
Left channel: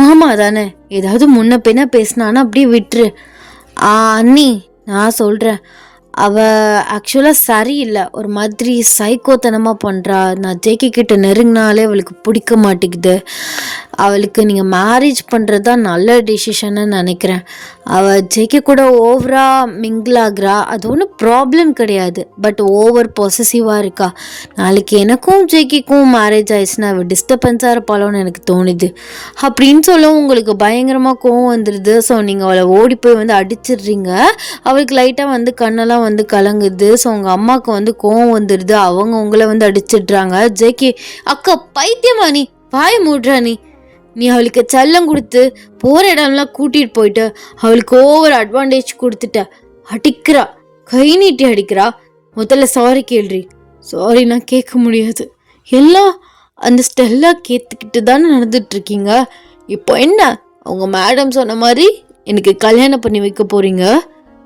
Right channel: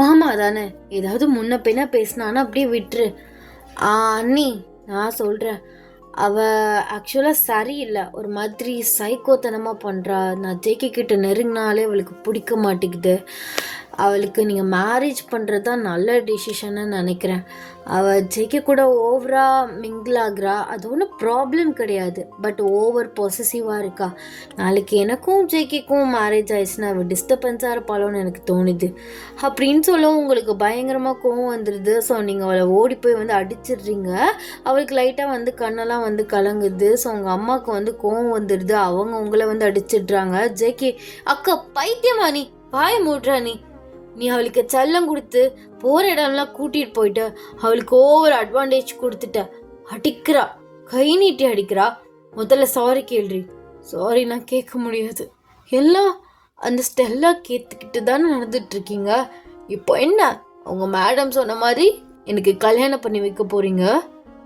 மாமா தானே, ஏதாவது முன்ன பின்ன பேசினானா அப்படியே விட்டுரு. அண்ணி நான் சொல்றேன், அவ ஆக்சுவலாக சரியில்லை, ஒரு மாதிரி சைக்கோத்தனமாக பண்ணுறா. நான் ஜேகே கிட்ட நெருங்கினாலே அவளுக்கு பிடிக்க மாட்டேங்குது. அவளுக்கு நீங்கள் மேரேஜ் பண்ணுறது தான் நல்ல டெசிஷன்னு நினைக்கிறேன். அவள் ஜேகே கூட ஓவராக மிங்கிள் ஆகுறா, அது ஒன்றும் ப்ராப்ளம் கிடையாது. பட் ஓவர் பொசசிவாக இருக்கா. நாளைக்கு எனக்கும் ஜேகேக்கும் மேரேஜ் ஆயிடுச்சுன்னா அவள் டிஸ்டர்பன்ஸாக இருப்பாளோன்னு எனக்கு தோணுது அப்படின்னு சொல்லவும் உங்களுக்கு பயங்கரமாக கோவம் வந்துடுது. ஸோ நீங்கள் அவளை ஓடி போய் அடிச்சிடுறீங்க. அவளுக்கு லைட்டாக கண்ணெல்லாம் கலங்குது. ஸோ உங்கள் அம்மாவுக்கு கோவம் வந்துடுது. அவங்க உங்களை அடிச்சிடுறாங்க. ஜேகே அக்கா பைத்தியமா நீ? பாய் மூடுறா நீ அவளுக்கு செல்லம் கொடுத்து போகிற இடம்லாம் கூட்டிகிட்டு போயிட்டு அவளுக்கு ஓவர் அட்வான்டேஜ் கொடுத்துட்ட. அடிக்கிறா, கை நீட்டி அடிக்கிறா. முதல்ல சாரி கேள்றி. சாரி நான் கேட்க முடியாது, எல்லாம் அந்த ஸ்டெல்லா கேத்துக்கிட்டு தானே நடந்துட்டு இருக்கீங்க. இப்போ என்ன, அவங்க மேடம் சொன்ன மாதிரி எனக்கு கல்யாணம் பண்ணி வைக்க போறீங்க.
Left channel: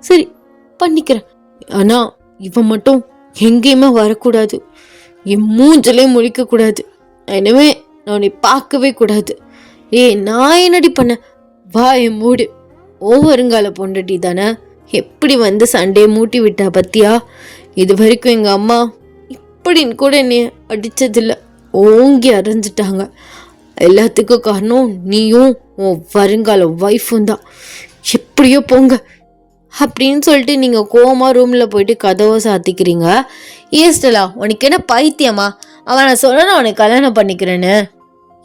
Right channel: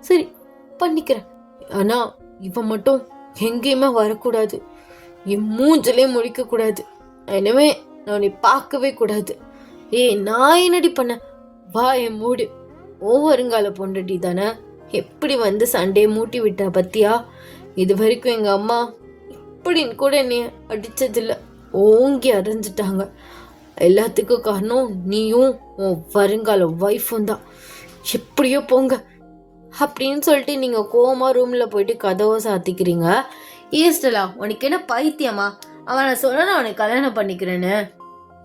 சரி பண்ணிக்கிறேன், ஆனா இவன் மட்டும் எங்கேயுமே வரக்கூடாது, என் மூஞ்சிலே முழிக்கக்கூடாது. எனவே நான் உன்னை பார்க்கவே கூடாது. நான் என்னடி பண்ண? வா என் மூடு. ஓவருங்கால பொண்டாட்டி தானே, எப்படி சண்டையை மூட்டி விட்டா பத்தியா? இது வரைக்கும் எங்கள் அம்மா இப்படின்னு கூட என்னை அடித்ததில்ல, ஓங்கி அரைஞ்சிட்டாங்க. எல்லாத்துக்கும் காரணம் நீயும் உன் வருங்கால ஒய்ஃபும் தான். எப்படியோ போங்க அப்படின்னு சொல்லிட்டு நீங்கள் கோவமாக ரூமில் போயிட்டு கதவை சாத்திக்கிறீங்க. ஏஸ்டலா உனக்கு என்ன பைத்தியமா? அவன் நான் சொன்னா அவனை கல்யாணம் பண்ணிக்கிறேன்னு.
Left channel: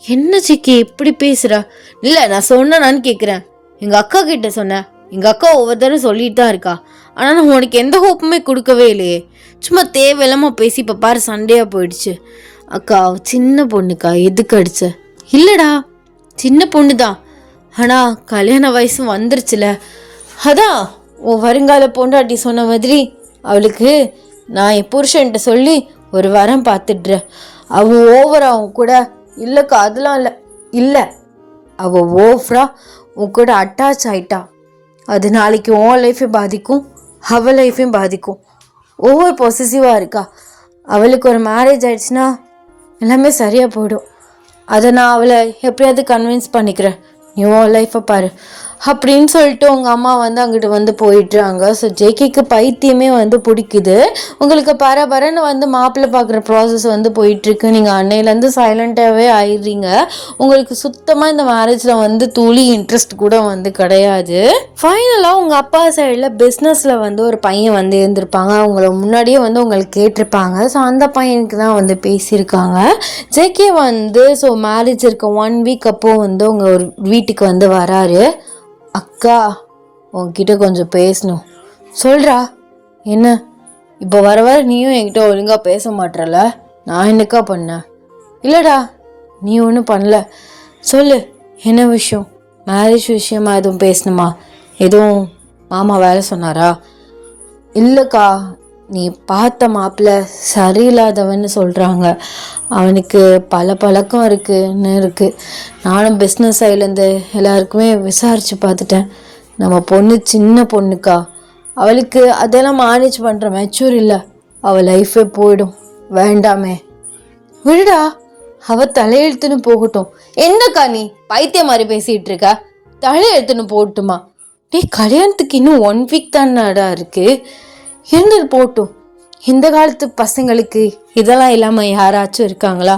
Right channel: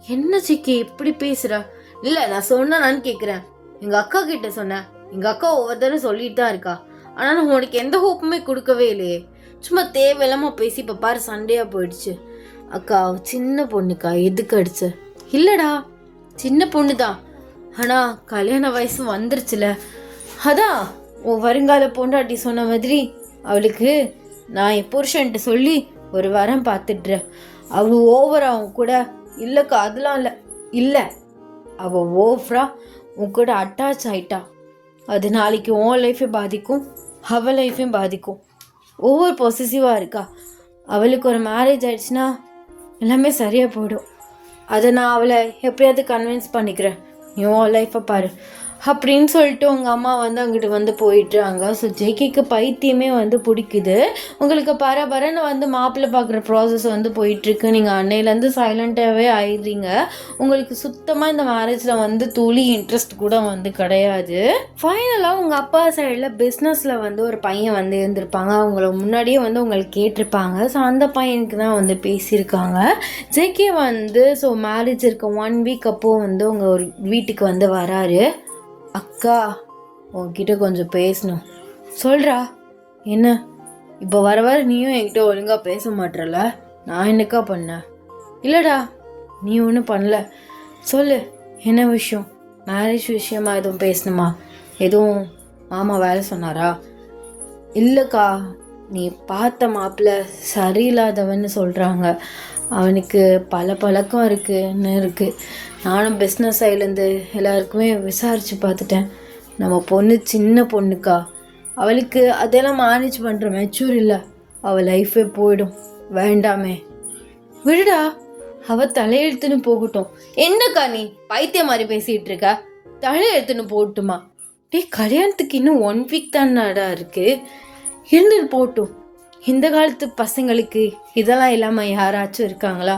என்ன சிக்கி இப்படி பேசுகிறா? இல்லை நான் சொன்னான்னு கேட்குறேன். எங்கள் அக்கா கிட்ட சொன்னேன், எங்கள் அக்கா ஒவ்வொரு தடவை சொல்லிட்டு தான் இருக்கா. ஆனால் நான் உனக்கு எந்த ஹோப்புமே கொடுக்கவே இல்லையே. சும்மா தேவையில்லாமல் பேசி இப்போ பாரு சண்டையாக போயிடுச்சு. அக்கா சின்ன பொண்ணுக்கா, எதுக்கு அடிச்ச? இல்லைடா சின்ன பொண்ணு தான், ஆனால் கல்யாண வயசு வந்துருச்சுல. அதான் உன் வருங்கால பொண்டாட்டி சொன்ன மாதிரி அவளுக்கு நான் என் புருஷன்ட்ட சொல்லி ஒரு வாரம் பார்த்துடுறேன். அவன் ஓவரா அவன் கூட இல்லைக்கா, அதெல்லாம் இல்லை. இல்லை அவள் ஓவரா உன் கூட அட்டாச் ஆயிட்டா. அது நாளைக்கு உன் லைஃபையும் பாதிக்கும், அவள் லைஃபையும் பாதிக்கும். ஓவர் பொசசிவாக இருக்கா. அவளுக்கு ஒரு மேரேஜ் ஆயிடுச்சுன்னா எல்லாமே சரியாக போயிடும். அதை நான் அவளை எப்படியாவது கன்வின்ஸ் பண்ணிக்கிறேன். நீ உன் லைஃப்பை பாரு அப்படின்னு சொல்லிட்டு உங்கள் அம்மா வந்து அங்கிட்டு வந்து போயிட்டுறாங்க. ஸோ ஜேகேக்கு பைத்தியமே வந்து பிடிக்குது. உங்களுக்கு பரபரன்னு வந்து மாப்பிள்ளை பார்க்குற ப்ராசஸ் வந்து போயிட்டுருக்கு. நீங்கள் அன்னையிலேருந்து சைலண்ட்டாகவே ஆயிடுறீங்க. உங்களுக்கு சுத்தமாக இந்த மேரேஜில் வந்து துளி இன்ட்ரெஸ்ட் கூட வந்து கிடையாது. ஃபைனலாக உங்கள் அப்பா சைடில் பிஸ்னஸில் வந்து ஒரு பையன் வந்து இருந்திருப்பாங்க. அவங்கள முன்னாடியே வந்து உங்களுக்கு கேட்டிருப்பாங்க. ஸோ அந்த பையனுக்கு தான் வந்து பேசியிருக்காங்க. ஜேகே வந்து ஸோ மேரேஜ் இருக்க 1 வீக் அப்போது வந்து உங்கள் ஒரு வீட்டுக்கு வந்து வராரு. அக்கா உன்கிட்ட கொஞ்சம் பேசணும். சொல்கிறா என்ன? இப்போ வர வர நீயும் என்கிட்ட ஒழுங்காக பேச மாட்டேறல. நான் என்னக்கா பண்ணேன்? இல்லைடா நீ ஒன்றும் பண்ணல. சொல்லு என்ன விஷயம்? மேரேஜ் விஷயமா எதுவும் பேசணுமா? எதுவும் மாமா வேலை சொன்னாரா? இல்லைக்கா நீ பார்த்த மாப்பிள்ளை சரியில்லாதவன்னு சொல்கிறாங்க. அவனுக்கு பல பழக்கம் இருக்குது. நானும் பிஸ்னஸ் சைட்லேருந்து எல்லாருக்குமே விசாரித்து பார்த்துட்டேன். நம்ம பொண்ணு சின்ன பொண்ணுக்கா, அவளுக்கு அதெல்லாம் மேனேஜ் பண்ணுற மெச்சூர் இல்லை. அவள் லைஃபே போயிடும். வேண்டாமே விடுடா, அவள் தலையெழுத்துன்னு போகட்டும். என்னக்கா நீ பைத்திய மாதிரி பேசிகிட்டு இருக்க? தலையெழுத்துன்னு போகட்டுமா? கல்யாணத்துக்கு இன்னும் 1 வீக் தானடா இருக்குது. இருந்தது போட்டும். இந்த காலத்து பசங்களுக்கு இதெல்லாம் இல்லாமல் யாராச்சும் இருக்காங்களா?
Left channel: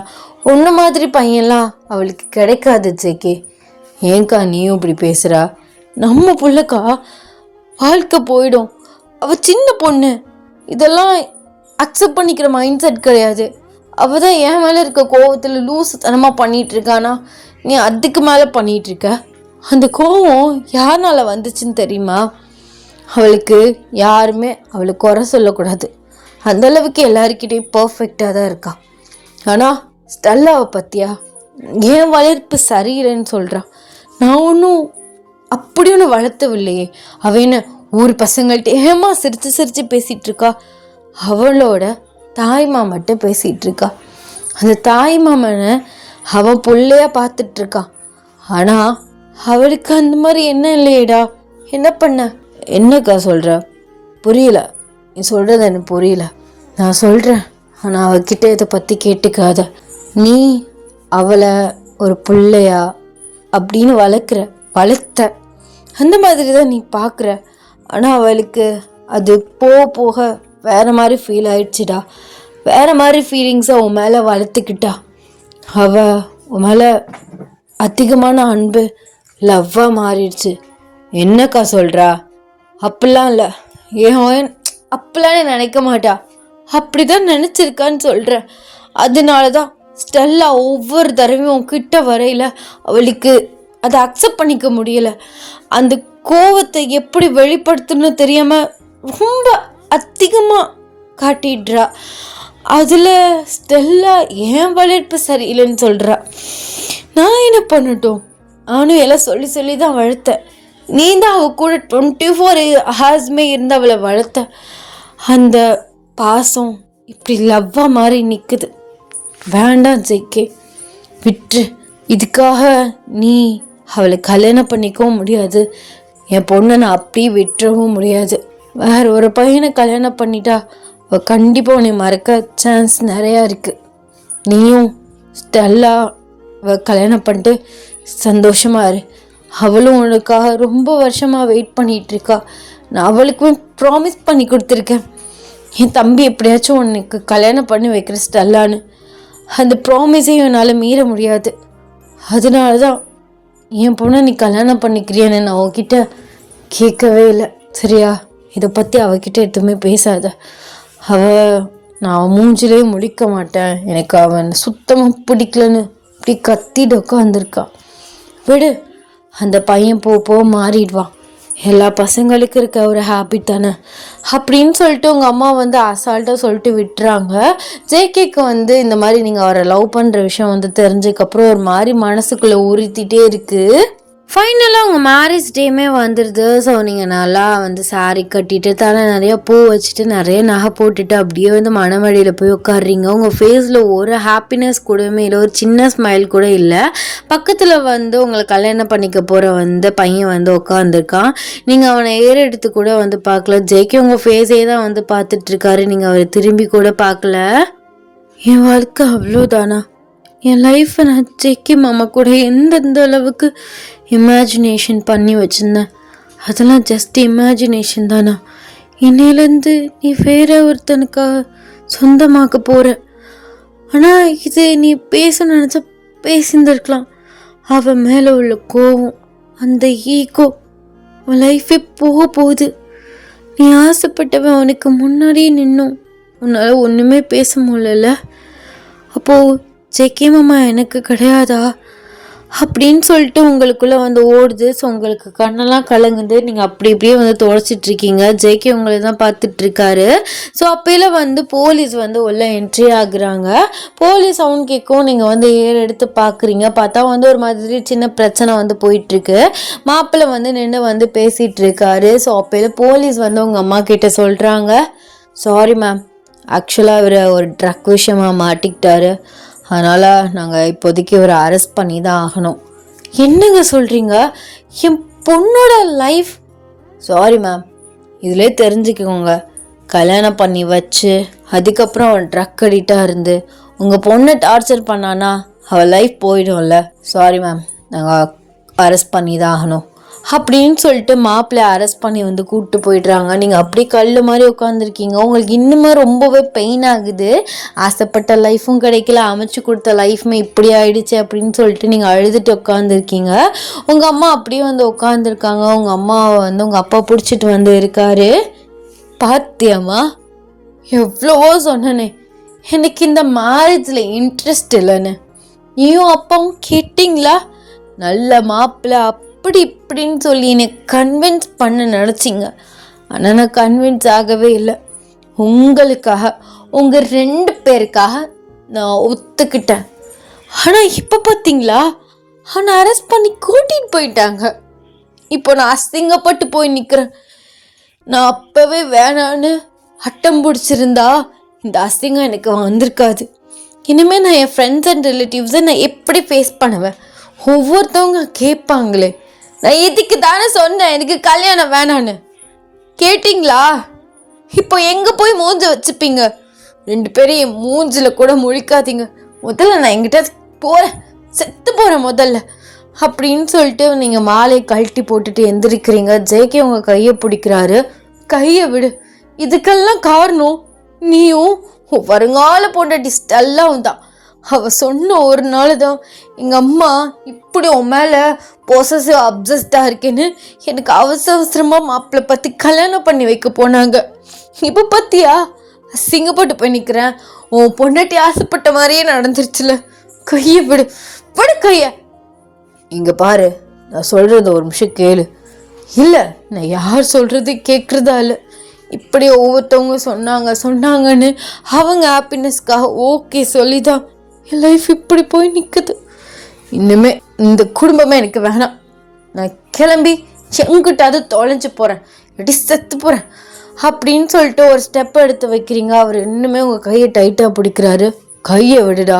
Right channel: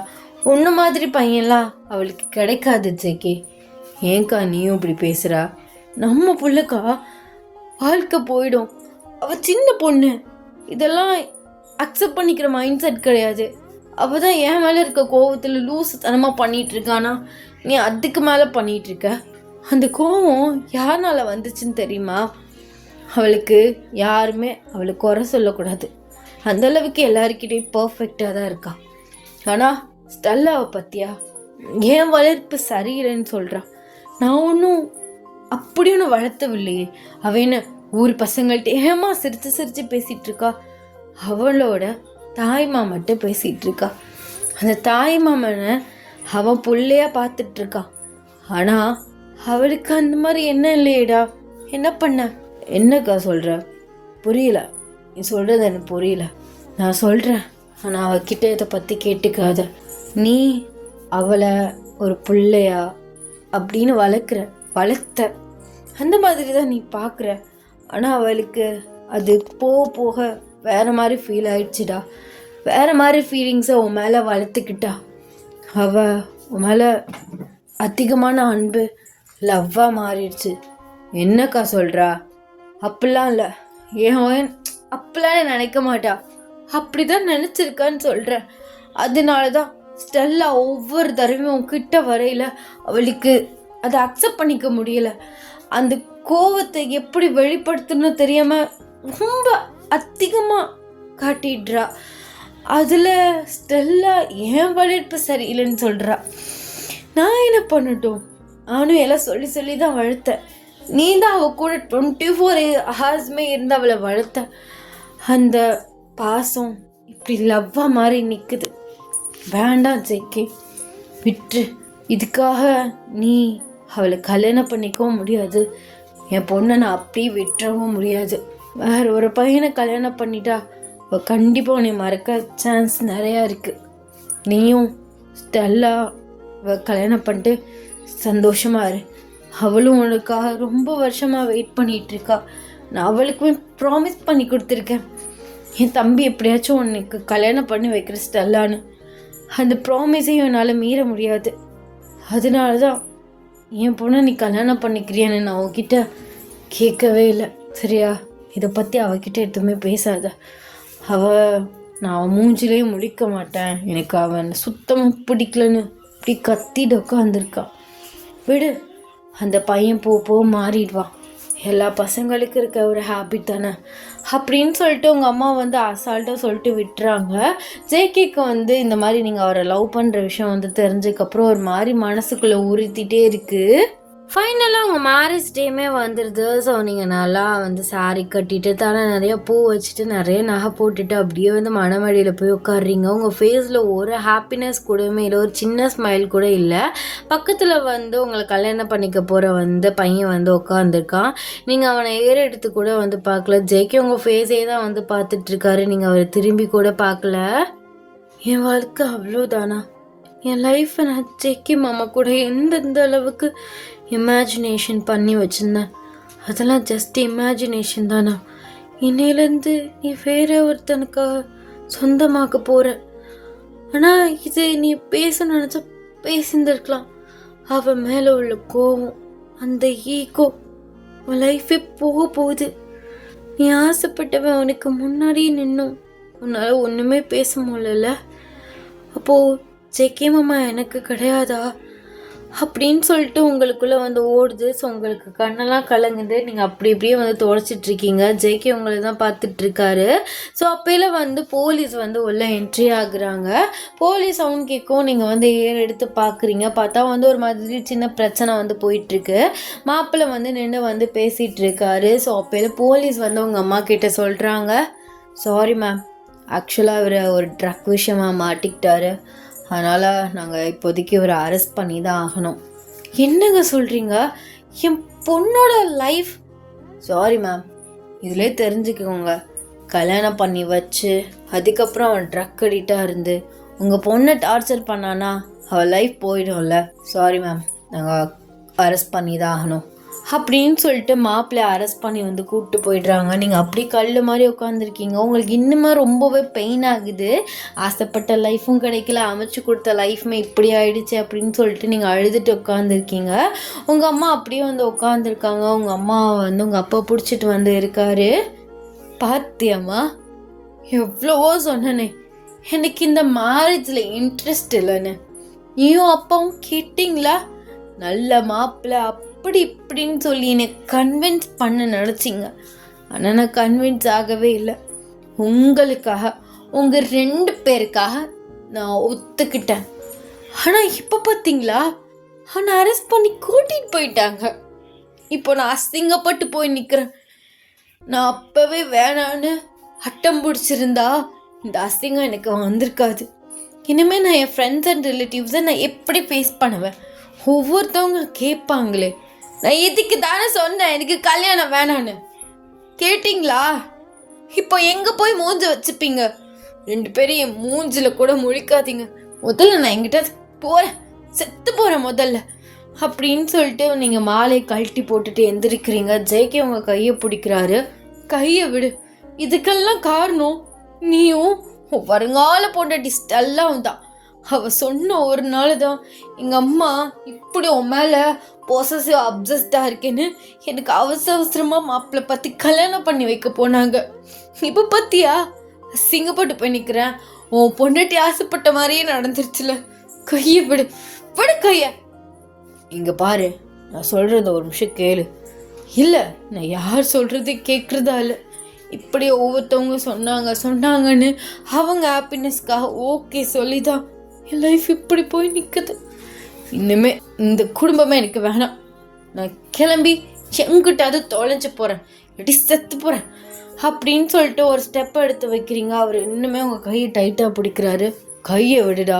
ஒன்று மாதிரி பையன்லாம் அவளுக்கு கிடைக்காது ஜேகே. ஏன்க்கா நீயும் இப்படி பேசுகிறா? நம்ம புள்ளக்கா வாழ்க்கை போயிடும். அவள் சின்ன பொண்ணு. இதெல்லாம் அக்செப்ட் பண்ணிக்கிற மைண்ட் செட் கிடையாது. அவள் தான் என் மேலே இருக்க கோவத்தில் லூசு தனமாக பண்ணிகிட்டு இருக்கானா? நீ அதுக்கு மேலே பண்ணிகிட்ருக்க. அந்த கோவம் யாருனால வந்துச்சுன்னு தெரியுமா? அவளுக்கு யாருமே அவளை குறை சொல்லக்கூடாது. அந்தளவுக்கு எல்லாருக்கிட்டையும் பர்ஃபெக்டாக தான் இருக்கா. ஆனால் ஸ்டெல்லாவை பற்றியா? என் வளர்ப்பு சரியில்லைன்னு சொல்கிறான். நான் ஒன்றும் அப்படி ஒன்று வளர்த்தவில்லையே. அவள் என்ன ஊர் பசங்கள்கிட்ட ஏமா சிரித்து சிரித்து பேசிகிட்டு இருக்கா? அவளோட தாய் மாமன்ட்ட பேசிகிட்டு இருக்கா. அந்த தாய் மாமனை அவன் பிள்ளையா பார்த்துட்ருக்கான். ஆனால் அவளுக்கு அந்த மாதிரி என்ன இல்லையேடா. என்ன பண்ண? என்னக்கா சொல்கிற? புரியல. நீ சொல்கிறது எனக்கு புரியல. நான் சொல்கிறேன், ஆனால் அவகிட்ட இதை பற்றி கேட்டுக்காத. நீ அவளை ஒரு பிள்ளையா அப்படின்னு வளர்த்த அந்த மாதிரி தான் நீ பார்க்குற. ஆனால் அவளுக்கு அது போக போக வேறு மாதிரி ஃபீல் ஆயிடுச்சுடா. வேறு மாதிரி ஃபீலிங்ஸை உன் மேலே வளர்த்துக்கிட்டா. அவள் உன் மேலே அதிகமான அன்பு லவ்வாக மாறிடுச்சு. என்னக்கா சொல்கிறா? அப்படிலாம் இல்லை. ஏன் அப்படிலாம் நினைக்க மாட்டா. அப்படி தான் நினச்சிருக்கான்னு சொல்கிறேன். அதனால தான் ஸ்டெல்லா ஒவ்வொரு தடவையும் கிட்ட வரையில் அவளுக்கு அதை அக்செப்ட் பண்ணிக்க முடியலை. அந்த கோவத்தை எப்படி வெளிப்படுத்தணும்னு தெரியாமல் ரொம்ப அதிகமாக காட்டிடுறா. அதில் ஸ்டெல்லா ஏன் வளர்ப்பு சரியில்லைன்னு சொல்கிறா. நான் என்ன பண்ணட்டும்? நானும் எல்லாம் சொல்லி சொல்லி தான் வளர்த்தேன். நீ தான் அவள் கூட 24 ஹார்ஸ்மே இருந்து அவளை வளர்த்த. அந்த பாசம் இப்படி லவ்வாக மாதிரி நிற்குது. வேண்டாம் ஜேகே, விட்டு. இதுக்காக நீ அவளை கல்யாணம் பண்ணிக்கவும் முடியாது. என் பொண்ணை நான் அப்படியே விட்டுறவும் முடியாது. வேற ஒரு பையனை கல்யாணம் பண்ணிட்டா அவள் கண்டிப்பாக உன்னை மறக்க சான்ஸ் நிறையா இருக்குது. நீயும் ஸ்டெல்லா கல்யாணம் பண்ணிட்டு சந்தோஷமாக இரு. அவளும் உனக்காக ரொம்ப வருஷமாக வெயிட் பண்ணிகிட்ருக்கா. நான் அவளுக்கும் ப்ராமிஸ் பண்ணி கொடுத்துருக்கேன், என் தம்பி எப்படியாச்சும் உனக்கு கல்யாணம் பண்ணி வைக்கிற ஸ்டெல்லான்னு. அந்த ப்ராமிஸையும் என்னால் மீற முடியாது. அதனால தான் என் பொண்ணை நீ கல்யாணம் பண்ணிக்கிறியான்னு நான் அவகிட்ட கேட்கவே இல்லை. சரியா? இதை பற்றி அவகிட்ட எதுவுமே பேசாத. நான் மூஞ்சிலே முழிக்க மாட்டேன், எனக்கு அவன் சுத்தமாக பிடிக்கலன்னு இப்படி கத்திட்டு உட்காந்துருக்கான். விடு, அந்த பையன் போ மாறிடுவான். எல்லா பசங்களுக்கும் இருக்க ஒரு ஹேபிட் தானே அப்படின்னு சொல்லிட்டு உங்கள் அம்மா வந்து அசால்ட்டாக சொல்லிட்டு விட்டுறாங்க. ஜேகேக்கு வந்து இந்த மாதிரி நீங்கள் அவரை லவ் பண்ணுற விஷயம் வந்து தெரிஞ்சதுக்கப்புறம் ஒரு மாதிரி மனசுக்குள்ளே உறுத்திட்டே இருக்குது. ஃபைனலாக உங்கள் மேரேஜ் டேமே வந்துடுது. ஸோ நீங்கள் நல்லா வந்து சாரீ கட்டிட்டு தலை நிறையா பூ வச்சுட்டு நிறைய நகை போட்டுட்டு அப்படியே வந்து மணவழியில் போய் உட்காடுறீங்க. உங்கள் ஃபேஸில் ஒரு ஹாப்பினஸ் கூடவே இல்லை, ஒரு சின்ன ஸ்மைல் கூட இல்லை. பக்கத்தில் வந்து உங்களை கல்யாணம் பண்ணிக்க போகிற வந்து பையன் வந்து உட்காந்துருக்கான். நீங்கள் அவனை ஏறெடுத்து கூட வந்து பார்க்கல. ஜெய்கே உங்கள் ஃபேஸே தான் வந்து பார்த்துட்ருக்காரு. நீங்கள் அவரை திரும்பி கூட பார்க்கல. என் வாழ்க்கை அவ்வளோதானா? என் லைஃப்பை நான் ஜெக்கி மாமா கூட எந்தெந்த அளவுக்கு இமேஜினேஷன் பண்ணி வச்சுருந்தேன். அதெல்லாம் ஜஸ்ட் இமேஜினேஷன் தானா? என்னையிலேருந்து நீ வேற ஒருத்தனுக்காக சொந்தமாக்க போகிற. ஆனால் இது நீ பேச நினச்சா பேசியிருந்துருக்கலாம். அவன் மேலே உள்ள கோவம், அந்த ஈகோ, உன் லைஃபே போக போகுது. நீ ஆசைப்பட்டவன் உனக்கு முன்னாடியே நின்னும் உன்னால் ஒன்றுமே பேச முடியல. அப்போது ஜெக்கி மாமா எனக்கு கிடையாதா அப்படின்னு சொல்லிட்டு உங்களுக்குள்ளே வந்து ஓடுது. ஸோ உங்களுக்கு கண்ணெல்லாம் கலங்குது. நீங்கள் அப்படி இப்படியே வந்து துடைச்சிட்ருக்கீங்க. ஜேகே உங்களை தான் பார்த்துட்ருக்காரு. ஸோ அப்போல வந்து போலீஸ் வந்து உள்ள என்ட்ரி ஆகுறாங்க. போலீஸ் சவுண்ட் கேட்கும். நீங்கள் வந்து ஏர் எடுத்து பார்க்குறீங்க. பார்த்தா வந்து ஒரு மாதிரி சின்ன பிரச்சனை வந்து போயிட்டுருக்கு. மாப்பிள்ளை வந்து நின்று வந்து பேசிகிட்டு இருக்காரு. ஸோ அப்போல போலீஸ் வந்து உங்கள் அம்மா கிட்ட சொல்கிறாங்க, சாரி மேம், ஆக்சுவலாக இவர் ஒரு ட்ரக் விஷயமாக மாட்டிக்கிட்டாரு. அதனால் நாங்கள் இப்போதைக்கு இவரை அரெஸ்ட் பண்ணி தான் ஆகணும். என்னங்க சொல்கிறீங்க? என் பொண்ணோட லைஃப்? சாரி மேம், இதிலே தெரிஞ்சுக்கோங்க, கல்யாணம் பண்ணி வச்சு அதுக்கப்புறம் அவன் ட்ரக் அடிக்டாக இருந்து உங்கள் பொண்ணை டார்ச்சர் பண்ணானா அவள் லைஃப் போயிடும்ல. சாரி மேம், நாங்கள் அரெஸ்ட் பண்ணி தான் ஆகணும் அப்படின்னு சொல்லிட்டு மாப்பிள்ளையை அரெஸ்ட் பண்ணி வந்து கூப்பிட்டு போயிடுறாங்க. நீங்கள் அப்படியே கல் மாதிரி உட்காந்துருக்கீங்க. உங்களுக்கு இன்னுமே ரொம்பவே பெயின் ஆகுது. ஆசைப்பட்ட லைஃப்பும் கிடைக்கல, அமைச்சு கொடுத்த லைஃப்மே இப்படி ஆயிடுச்சு அப்படின்னு சொல்லிட்டு நீங்கள் அழுதுட்டு உட்காந்துருக்கீங்க. உங்கள் அம்மா அப்படியே வந்து உட்காந்துருக்காங்க. உங்கள் அம்மா வந்து உங்கள் அப்பா பிடிச்சிட்டு வந்து இருக்காரு. பாத்தியம்மா, எவ்வளவோ சொன்னனே எனக்கு இந்த மேரேஜில் இன்ட்ரெஸ்ட் இல்லைன்னு. நீயும் அப்பாவும் கேட்டிங்களா? நல்ல மாப்பிள்ளை அப்படி இப்படின்னு சொல்லி என்னை கன்வின்ஸ் பண்ண நினச்சிங்க. ஆனால் நான் கன்வின்ஸ் ஆகவே இல்லை. உங்களுக்காக, உங்கள் 2 பேருக்காக நான் ஒத்துக்கிட்டேன். ஆனால் இப்போ பார்த்தீங்களா, ஆனால் அரெஸ்ட் பண்ணி கூட்டிகிட்டு போயிட்டாங்க. இப்போ நான் அசிங்கப்பட்டு போய் நிற்கிறேன். நான் அப்போவே வேணான்னு அட்டம் பிடிச்சிருந்தா இந்த அசிங்கம் எனக்கு வந்திருக்காது. இனிமேல் நான் என் ஃப்ரெண்ட்ஸ் அண்ட் ரிலேட்டிவ்ஸை நான் எப்படி ஃபேஸ் பண்ணுவேன்? ஒவ்வொருத்தவங்க கேட்பாங்களே, நான் இதுக்கு தானே சொன்னேன் எனக்கு கல்யாணம் வேணான்னு. கேட்டிங்களா? இப்போ எங்கே போய் மூஞ்ச வச்சுப்பீங்க? 2 பேரும் என் மூஞ்சில் கூட முழிக்காதீங்க. முதல்ல நான் என்கிட்ட போகிறேன், செத்து போகிறேன் முதல்ல அப்படின்னு சொல்லிட்டு நீங்கள் மாலையை கழட்டி போட்டுட்டு எந்திரிக்கிறீங்க. ஜேகே உங்கள் கையை பிடிக்கிறாரு. கையை விடு, இதுக்கெல்லாம் காரணம் நீயும் வருங்கால பொண்டாட்டி ஸ்டெல்லாவும் தான். அவள் சொன்ன ஒரு நாள் தான் எங்கள் அம்மா இப்படி உன் மேலே பொசசிவ் அப்சஸ்டாக இருக்கேன்னு எனக்கு அவசரமாக மாப்பிள்ளை பற்றி கல்யாணம் பண்ணி வைக்க போனாங்க. இப்போ பார்த்தியா, அசிங்கப்பட்டு போய் நிற்கிறேன். உன் பொண்டாட்டி ஆசைப்பட்ட மாதிரியே நடந்துருச்சுல. கையை விடு, விடு கையை. இங்கே பாரு, நான் சொல்கிறது ஒரு நிமிஷம் கேளு. இல்லை, நான் யார் சொல்கிறது கேட்குறதா இல்லை. இப்படி ஒவ்வொருத்தவங்க சொன்னாங்கன்னு அவங்க ஹாப்பினஸ்க்காக ஓகே சொல்லி தான் என் லைஃப் இப்படி போய் நிற்குது. இன்னுமே இந்த குடும்பமே எனக்கு வேணாம். நான் கிளம்பி எங்கிட்டாவது தொலைஞ்சு போகிறேன், எப்படி செத்து போகிறேன் அப்படின்னு சொல்லிட்டு ஒரு ஸ்டெப் எடுத்து வைக்கிறீங்க. அவர் இன்னுமே உங்கள் கையை டைட்டாக பிடிக்கிறாரு. கையை விடுடா,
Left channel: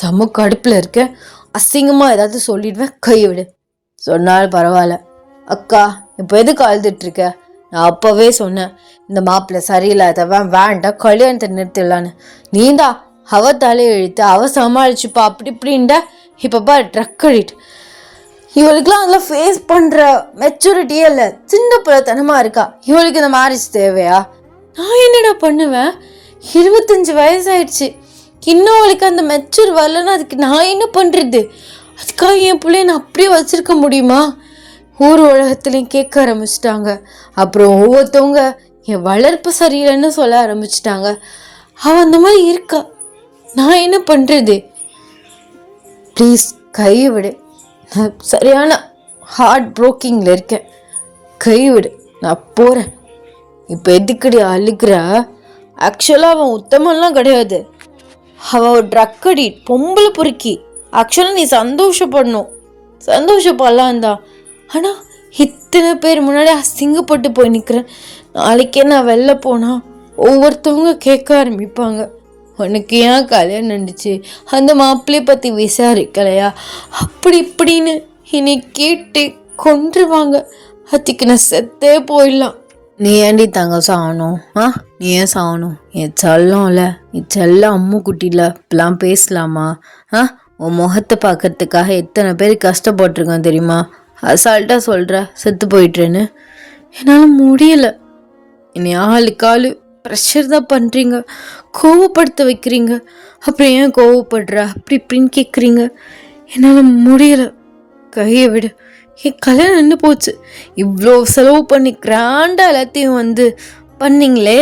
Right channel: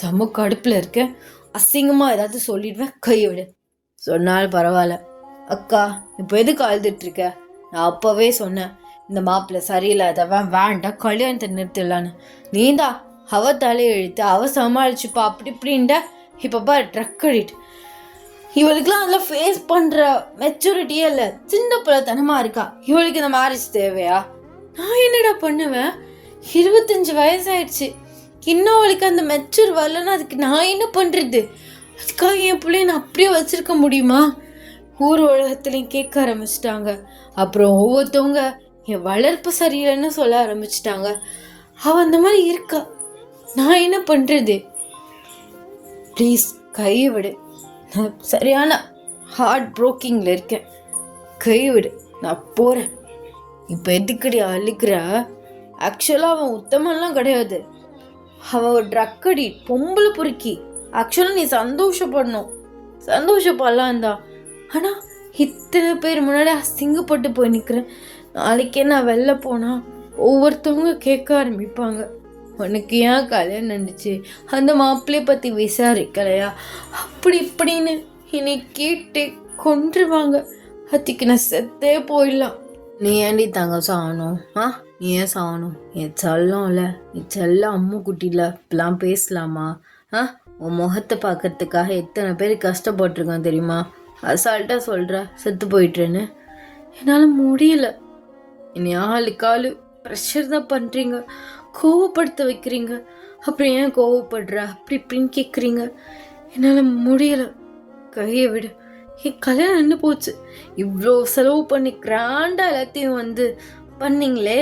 செம்ம கடுப்பில் இருக்கேன், அசிங்கமாக ஏதாவது சொல்லிடுவேன், கையை விடு. சொன்னாலும் பரவாயில்ல. அக்கா, இப்போ எதுக்கு அழுதுட்ருக்க? நான் அப்போவே சொன்னேன், இந்த மாப்பிள்ளை சரியில்லாதவன், வேண்டாம், கல்யாணத்தை நிறுத்திடலான்னு. நீதான் அவ தலையை இழுத்து அவ சமாளிச்சுப்பா அப்படி இப்படின்டா. இப்போ பாரு, ட்ரக் அடிக்ட். இவளுக்குலாம் அதெல்லாம் ஃபேஸ் பண்ணுற மெச்சூரிட்டியே இல்லை, சின்ன பிள்ளைத்தனமாக இருக்கா. இவளுக்கு இந்த மேரேஜ் தேவையா? நான் என்னடா பண்ணுவேன்? 25 வயசாயிடுச்சு, இன்னும் அவளுக்கு அந்த மெச்சூர் வரலன்னா அதுக்கு நான் என்ன பண்ணுறது? அதுக்காக என் பிள்ளைய நான் அப்படியே வச்சுருக்க முடியுமா? ஊர் உலகத்துலையும் கேட்க ஆரம்பிச்சிட்டாங்க. அப்புறம் ஒவ்வொருத்தவங்க என் வளர்ப்பு சரியில்லைன்னு சொல்ல ஆரம்பிச்சிட்டாங்க. அவள் அந்த மாதிரி இருக்கா, நான் என்ன பண்ணுறது? ப்ளீஸ் கை விடு, நான் சரியான ஹார்ட் ப்ரோக்கிங்கில் இருக்கேன், கை விடு, நான் போகிறேன். இப்போ எதுக்குடி அழுகிற? ஆக்சுவலாக அவன் உத்தமெல்லாம் கிடையாது, அவன் ஒரு ட்ரக் அடி, பொம்பளை பொறுக்கி. ஆக்சுவலாக நீ சந்தோஷப்படணும், சந்தோஷப்படலாம் தான். ஆனால் இத்தனை பேர் முன்னாடி அசிங்கப்பட்டு போய் நிற்கிறேன். நாளைக்கே நான் வெளில போனால் ஒவ்வொருத்தவங்க கேட்க ஆரம்பிப்பாங்க, உனக்கு ஏன் கல்யாணம் நடந்துச்சு, அந்த மாப்பிள்ளையை பற்றி விசாரிக்கலையா, அப்படி இப்படின்னு என்னை கேட்டு கொன்றுவாங்க. அதுக்கு நான் செத்தே போயிடலாம். நீ ஏண்டி தங்க சாகணும்? நீ ஏன் சாகணும்? என் செல்லம்ல, என் செல்ல அம்மு குட்டியில் இப்பெல்லாம் பேசலாமா? உன் முகத்தை பார்க்கறதுக்காக எத்தனை பேர் கஷ்டப்பட்டிருக்கான் தெரியுமா? அசால்ட்டாக சொல்கிற செத்து போயிட்டுருன்னு. என்னால் முடியல. என்னை ஆளுக்கு ஆள் ப்ரெஷர் தான் பண்ணுறீங்க, கோவப்படுத்த வைக்கிறீங்க. அப்புறம் ஏன் கோவப்படுற அப்படி இப்படின்னு கேட்குறீங்க. என்னால் முடியல. கையை விடு. என் கல்யாணம் நின்று போச்சு. இவ்வளோ செலவு பண்ணி கிராண்டாக எல்லாத்தையும் வந்து பண்ணிங்களே.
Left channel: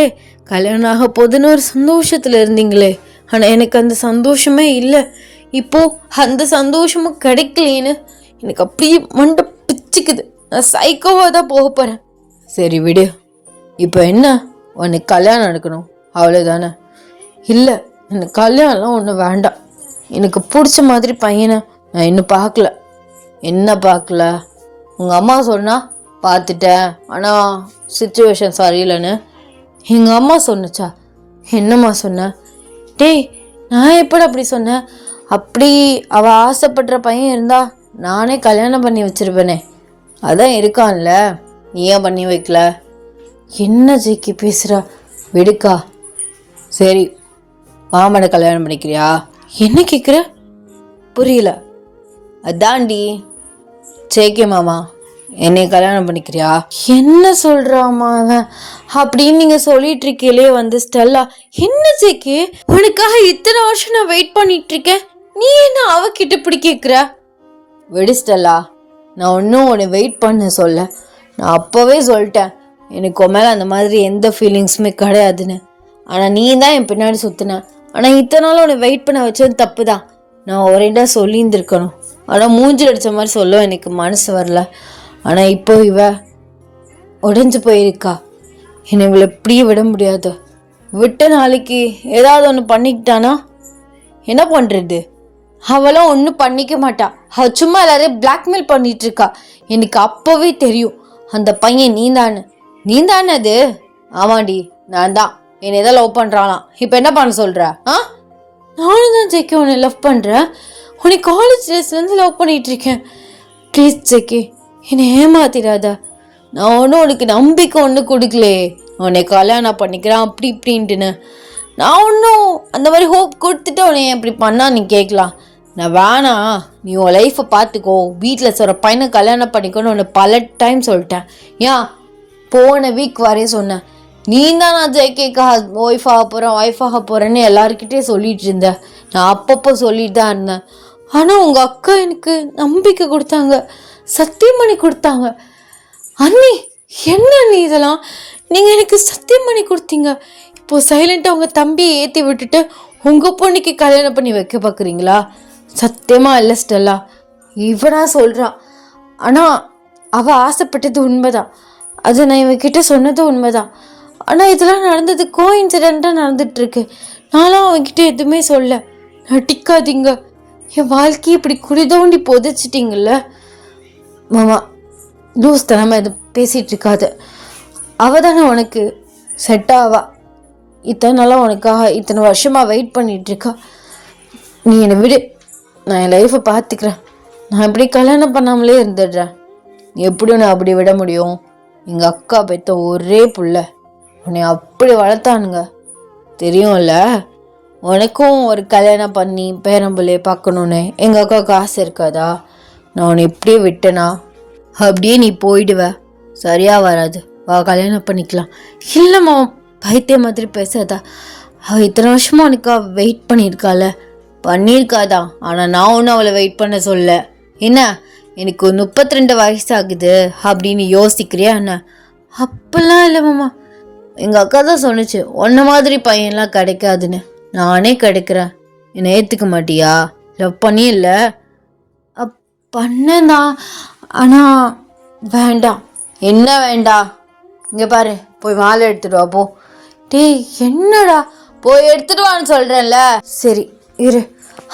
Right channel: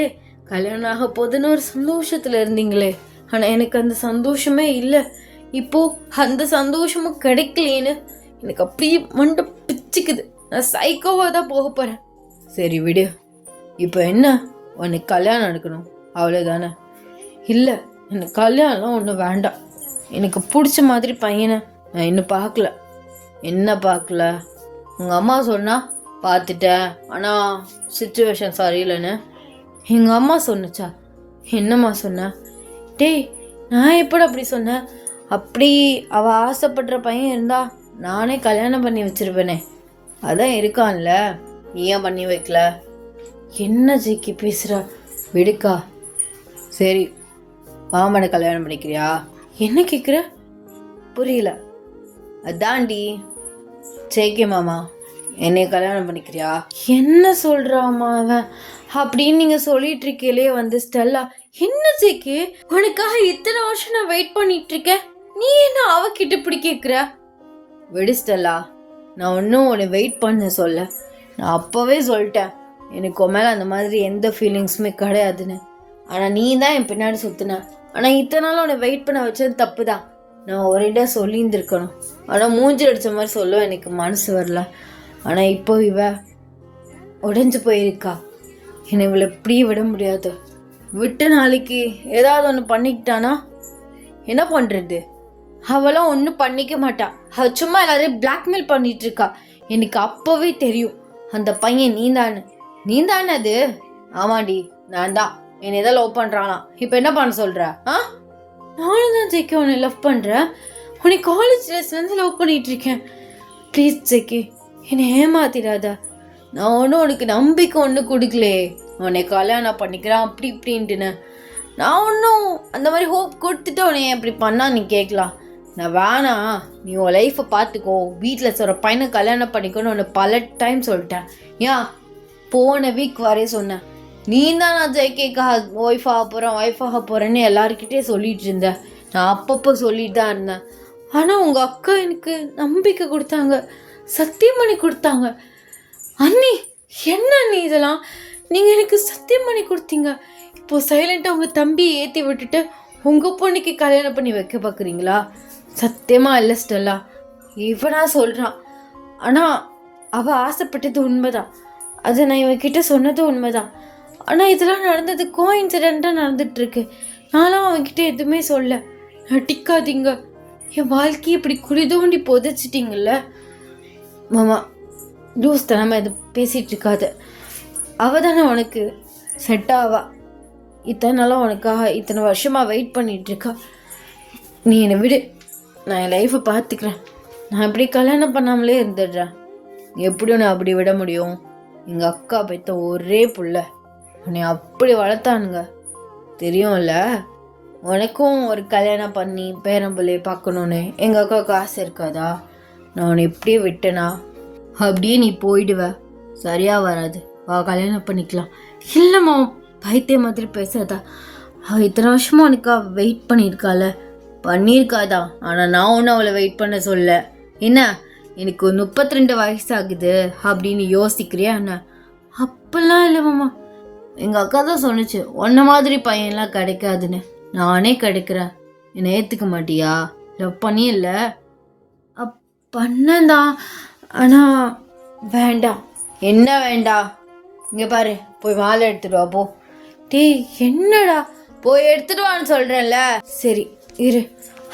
கல்யாணம் ஆக போதுன்னு ஒரு சந்தோஷத்தில் இருந்தீங்களே. ஆனால் எனக்கு அந்த சந்தோஷமே இல்லை. இப்போது அந்த சந்தோஷமும் கிடைக்கலேன்னு எனக்கு அப்படியே மண்டை பிச்சுக்குது. நான் சைக்கோவாக தான் போக போகிறேன். சரி விடு. இப்போ என்ன, உனக்கு கல்யாணம் நடக்கணும் அவ்வளோதானே? இல்லை, எனக்கு கல்யாணம்லாம் ஒன்றும் வேண்டாம். எனக்கு பிடிச்ச மாதிரி பையனை நான் இன்னும் பார்க்கல. என்ன பார்க்கல? உங்கள் அம்மா சொன்னால் பார்த்துட்டேன், ஆனால் சிச்சுவேஷன் சரியில்லைன்னு எங்கள் அம்மா சொன்னுச்சா? என்னம்மா சொன்ன? டேய், நான் எப்படி அப்படி சொன்னேன்? அப்படி அவள் ஆசைப்படுற பையன் இருந்தா நானே கல்யாணம் பண்ணி வச்சிருப்பேனே. அதான் இருக்கான்ல, ஏன் பண்ணி வைக்கல? என்ன ஜெய்கி பேசுகிறா? விடுக்கா. சரி, மாமனை கல்யாணம் பண்ணிக்கிறியா? என்ன கேட்குற? புரியல. அதாண்டி ஜேகே மாமா, என்னை கல்யாணம் பண்ணிக்கிறியா? என்ன சொல்கிறாமா அவன் அப்படின்னு நீங்கள் சொல்லிட்டு இருக்கீங்களே வந்து ஸ்டெல்லா. என்ன ஜேகே, உனக்காக இத்தனை வருஷம் நான் வெயிட் பண்ணிட்டு இருக்கேன், நீ என்ன அவகிட்ட இப்படி கேட்குற? விடு ஸ்டெல்லா, நான் ஒன்றும் உன்னை வெயிட் பண்ண சொல்ல. நான் அப்போவே சொல்லிட்டேன் எனக்கு உன் மேலே அந்த மாதிரி எந்த ஃபீலிங்ஸுமே கிடையாதுன்னு. ஆனால் நீ தான் என் பின்னாடி சுற்றின. ஆனால் இத்தனை நாள் உன்னை வெயிட் பண்ண வச்சது தப்பு தான். நான் ஒரேடா சொல்லியிருந்துருக்கணும். ஆனால் மூஞ்சில் அடித்த மாதிரி சொல்ல எனக்கு மனசு வரல. ஆனால் இப்போ இவ உடைஞ்சு போயிருக்கா. என்னை இவளை எப்படியே விட முடியாது. விட்ட நாளைக்கு ஏதாவது ஒன்று பண்ணிக்கிட்டானா என்ன பண்ணுறது? அவளும் ஒன்றும் பண்ணிக்க மாட்டா. அவள் சும்மா எல்லாரையும் பிளாக்மெயில் பண்ணிட்டு இருக்கா. எனக்கு அப்போவே தெரியும் அந்த பையன் நீந்தானே அது. ஆமாடி, நான் தான். என்னை தான் லவ் பண்ணுறாளாம். இப்போ என்ன பண்ண சொல்கிற? நானும் தான் ஜெக்கி உன்னை லவ் பண்ணுறேன். உன்னை காலேஜ் டேஸ்லேருந்து லவ் பண்ணிகிட்டு இருக்கேன். ப்ளீஸ் ஜெக்கி, என்னை ஏமாத்திடாத. நான் ஒன்றும் உனக்கு நம்பிக்கை ஒன்றும் கொடுக்கலே உன்னை கல்யாணம் பண்ணிக்கிறேன் அப்படி இப்படின்ட்டுன்னு. நான் ஒன்றும் அந்த மாதிரி ஹோப் கொடுத்துட்டு உன்னை இப்படி பண்ணா நீ கேட்கலாம். நான் வேணாம், நீ உன் லைஃப்பை பார்த்துக்கோ, வீட்டில் சொல்கிற பையனை கல்யாணம் பண்ணிக்கோன்னு உன்னை பல டைம் சொல்லிட்டேன். ஏன் போன வீக் வரைய சொன்னேன். நீ தான் நான் ஜெய்கேக்கா ஒய்ஃப் ஆக போகிறேன்னு எல்லாருக்கிட்டே சொல்லிட்டு இருந்தேன். நான் அப்பப்போ சொல்லிட்டு தான் இருந்தேன். ஆனால் உங்கள் அக்கா எனக்கு நம்பிக்கை கொடுத்தாங்க, சத்தியம் பண்ணி கொடுத்தாங்க. அண்ணி, என்ன அண்ணி இதெல்லாம்? நீங்கள் எனக்கு சத்தியம் பண்ணி கொடுத்தீங்க. இப்போது சைலண்ட்டாக உங்கள் தம்பியை ஏற்றி விட்டுட்டு உங்கள் பொண்ணுக்கு கல்யாணம் பண்ணி வைக்க பார்க்குறீங்களா? சத்தியமாக இல்லை ஸ்டெல்லா, இவனா சொல்கிறான். ஆனால் அவள் ஆசைப்பட்டது உண்மைதான். அது நான் இவன்கிட்ட சொன்னது உண்மைதான். ஆனால் இதெல்லாம் நடந்தது கோஇன்சிடெண்ட்டாக நடந்துகிட்ருக்கு. நானும் அவன்கிட்ட எதுவுமே சொல்ல. நட்டிக்காதீங்க, என் வாழ்க்கையை இப்படி குடிதோண்டி புதைச்சிட்டிங்கல்ல. மாமா, லூஸ் தனமா இது பேசிகிட்டு இருக்காது. அவள் தானே உனக்கு செட் ஆவா. இத்தனை நாளாக உனக்காக இத்தனை வருஷமாக வெயிட் பண்ணிகிட்ருக்கா. நீ என்னை விடு, நான் என் லைஃப்பை பார்த்துக்கிறேன். நான் இப்படி கல்யாணம் பண்ணாமலே இருந்துடுறேன். எப்படி உன்னை அப்படி விட முடியும்? எங்கள் அக்கா பெற்ற ஒரே புள்ள, உன்னை அப்படி வளர்த்தானுங்க தெரியும்ல. உனக்கும் ஒரு கல்யாணம் பண்ணி பேரம்பிள்ளையை பார்க்கணுன்னு எங்கள் அக்காவுக்கு ஆசை இருக்காதா? நான் உன்னை எப்படியே விட்டேனா அப்படியே நீ போயிடுவ. சரியாக வராது, வா கல்யாணம் பண்ணிக்கலாம். இல்லைம்மா, பைத்திய மாதிரி பேசாதா. அவள் இத்தனை வருஷமா உனக்கா வெயிட் பண்ணியிருக்காதா? ஆனால் நான் ஒன்றும் அவளை வெயிட் பண்ண சொல்ல. என்ன, எனக்கு 32 வயசு ஆகுது அப்படின்னு யோசிக்கிறியா என்ன? அப்பெல்லாம் இல்லை மாமா, எங்கள் அக்கா தான் சொன்னிச்சு உன்ன மாதிரி பையன்லாம் கிடைக்காதுன்னு. நானே கிடைக்கிறேன், என்னை ஏற்றுக்க மாட்டியா? லவ் பண்ணி இல்லை பண்ணதான், ஆனால் வேண்டாம். என்ன வேண்டாம்? இங்கே பாரு, போய் மாலை எடுத்துட்டு வா போ. டேய், என்னடா போய் எடுத்துட்டு வான்னு சொல்கிறேன்ல. சரி இரு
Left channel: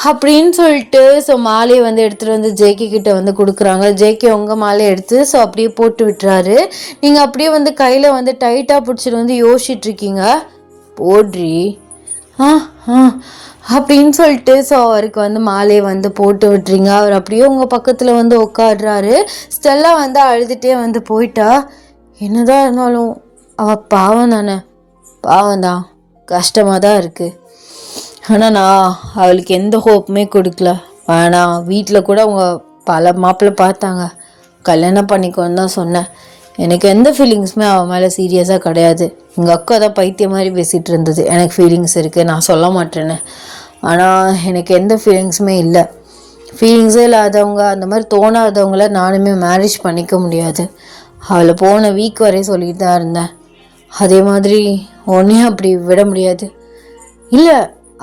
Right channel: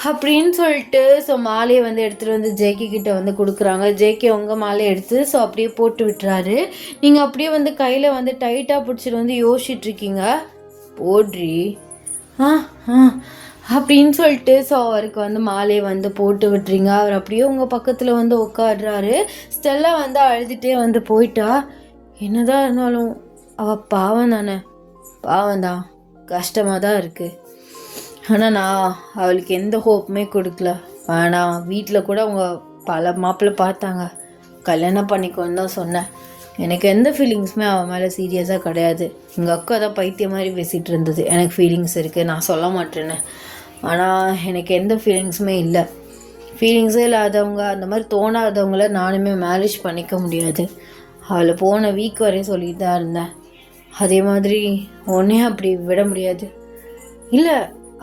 அப்படின்னு சொல்லிட்டு ஸோ மாலையை வந்து எடுத்துகிட்டு வந்து ஜேகே கிட்ட வந்து கொடுக்குறாங்க. ஜேகே உங்கள் மாலையை எடுத்து ஸோ அப்படியே போட்டு விட்டுறாரு. நீங்கள் அப்படியே வந்து கையில் வந்து டைட்டாக பிடிச்சிட்டு வந்து யோசிச்சுட்ருக்கீங்க. போட்ரி அப்படின்னு சொல்லிட்டு ஸோ அவருக்கு வந்து மாலையை வந்து போட்டு விட்டுறீங்க. அவர் அப்படியே உங்கள் பக்கத்தில் வந்து உட்காடுறாரு. ஸ்டெல்லா வந்து அழுதுகிட்டே வந்து போயிட்டா. என்னதான் இருந்தாலும் அவள் பாவம் தானே, பாவம் தான், கஷ்டமாக தான் இருக்குது. ஆனால் நான் அவளுக்கு எந்த ஹோப்புமே கொடுக்கல. வேணாம், வீட்டில் கூட அவங்க பல மாப்பிள்ளை பார்த்தாங்க, கல்யாணம் பண்ணிக்கோன்னு தான் சொன்னேன். எனக்கு எந்த ஃபீலிங்ஸுமே அவன் மேலே சீரியஸாக கிடையாது. எங்கள் அக்கா தான் பைத்திய மாதிரி பேசிகிட்டு இருந்தது, எனக்கு ஃபீலிங்ஸ் இருக்குது நான் சொல்ல மாட்டேன்னு. ஆனால் எனக்கு எந்த ஃபீலிங்ஸுமே இல்லை. ஃபீலிங்ஸே இல்லாதவங்க, அந்த மாதிரி தோணாதவங்கள நானுமே மேரேஜ் பண்ணிக்க முடியாது. அவளை போன வீக் வரையும் சொல்லிட்டு தான் இருந்தேன். அதே மாதிரி ஒன்றையும் அப்படி விட முடியாது. இல்லை,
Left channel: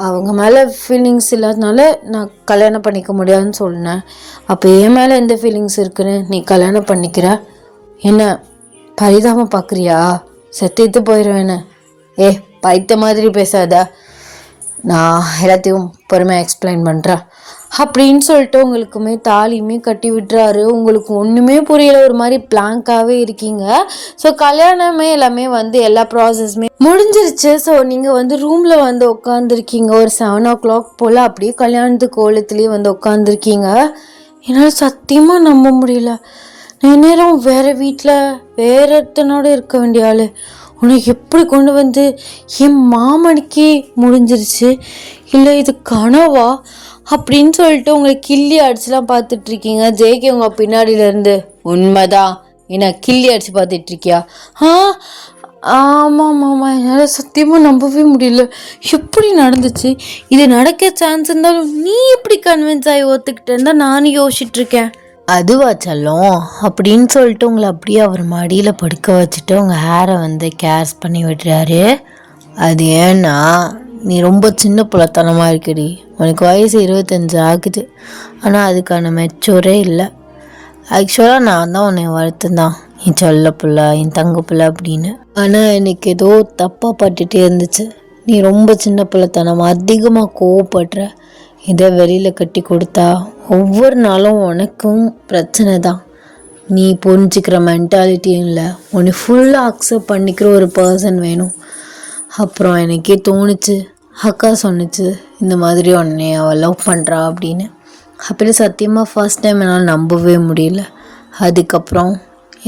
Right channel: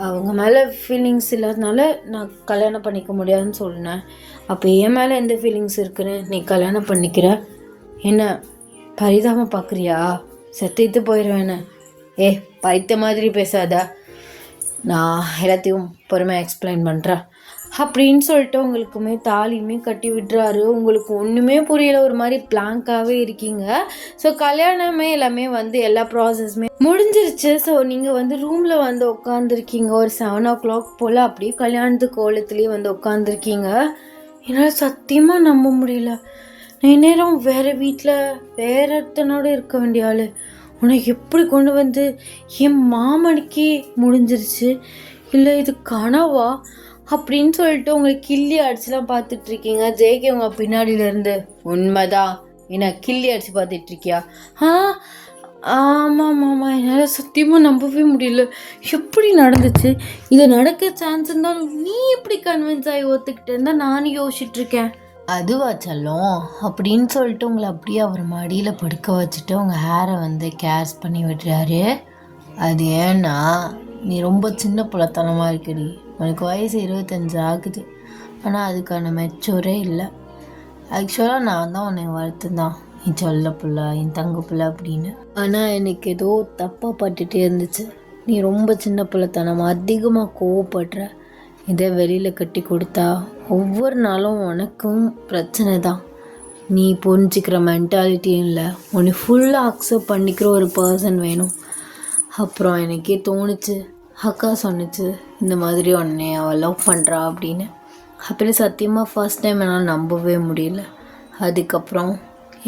அவங்க மேலே ஃபீலிங்ஸ் இல்லாதனால நான் கல்யாணம் பண்ணிக்க முடியாதுன்னு சொன்னேன். அப்போ என் மேலே எந்த ஃபீலிங்ஸ் இருக்குன்னு நீ கல்யாணம் பண்ணிக்கிற? என்ன பரிதாபம் பார்க்குறியா? செத்துட்டு போயிடுவேன்னு. பைத்த மாதிரி பேசாத, நான் எல்லாத்தையும் பொறுமையாக எக்ஸ்பிளைன் பண்ணுறேன் அப்படின்னு சொல்லிட்டு உங்களுக்குமே தாலியுமே கட்டி விட்டுறாரு. உங்களுக்கு ஒன்றுமே புரியல, ஒரு மாதிரி பிளாங்காகவே இருக்கீங்க. ஸோ கல்யாணமே எல்லாமே எல்லா ப்ராசஸுமே முடிஞ்சிருச்சு. ஸோ நீங்கள் ரூமில் உட்காந்துருக்கீங்க. ஒரு 7 o'clock போல் அப்படியே கல்யாணத்துக்கு கோலத்துலேயே உட்காந்துருக்கீங்க. என்னால் சத்தியமாக நம்ப முடியல. நான் நேரம் வேறு வீட்டில் வேறு ஒருத்தனோட இருக்க வேண்டிய ஆள் உனக்கு எப்படி கொண்டு என் மாமனுக்கே முடிஞ்சிருச்சு. இல்லை இது கனவா அப்படின்னு சொல்லிட்டு உங்களை கிள்ளி அடிச்சுலாம் பார்த்துட்ருக்கீங்க. ஜேகே உங்கள் பின்னாடியிலேருந்து, உண்மைதான் என்ன கிள்ளி அடித்து பார்த்துட்ருக்கியா? ஆமாம் மாமா, என்னால் சத்தியமாக நம்பவே முடியல. எப்படி நடந்துச்சு? இது நடக்க சான்ஸ் இருந்தாலும் நீ எப்படி கன்வின்ஸ் ஆகி ஒத்துக்கிட்டேன்னு தான் நானும் யோசிச்சுட்ருக்கேன். அதுவா செல்லம் அப்படின்னு சொல்லிட்டு உங்களை அப்படியே அவர் மடியில் படுக்க வச்சுட்டு உங்கள் ஹேரை கேர்ஸ் பண்ணி விடுறாரு. அது ஏன்னா நீ ரொம்ப சின்ன புலத்தனமாக இருக்குடி. உனக்கு வயசு 25 ஆகுது, ஆனால் அதுக்கான மெச்சூரே இல்லை. ஆக்சுவலாக நான் தான் உன்னை வளர்த்துந்தான், என் சொல்ல பிள்ளை, என் தங்க பிள்ளை அப்படின்னு. ஆனால் எனக்கு ஏதோ தப்பாக பட்டுகிட்டே இருந்துச்சு. நீ ரொம்ப சின்ன பிள்ளைத்தனமாக அதிகமாக கோவப்படுற. இதை வெளியில் கட்டி கொடுத்தா ஒவ்வொரு நாளும் உனக்கும் பிரச்சனை தான். நீ புரிஞ்சுக்கிற மென்டாலிட்டியும் இல்லை, உன்னை ஃபுல்லாக அக்செப்ட் பண்ணிக்கிற ஒரு பர்சன் வேணும். அப்புறம் எனக்கே தோணுச்சு, அக்கா சொன்னிச்சு இந்த மாதிரி உன்னை அவள் லவ் பண்ணுறா அப்படின்னு. அப்படி சத்தியமாக ஃபர்ஸ்ட் டைம் என்னால் நம்பவே முடியல. அதுக்கப்புறம்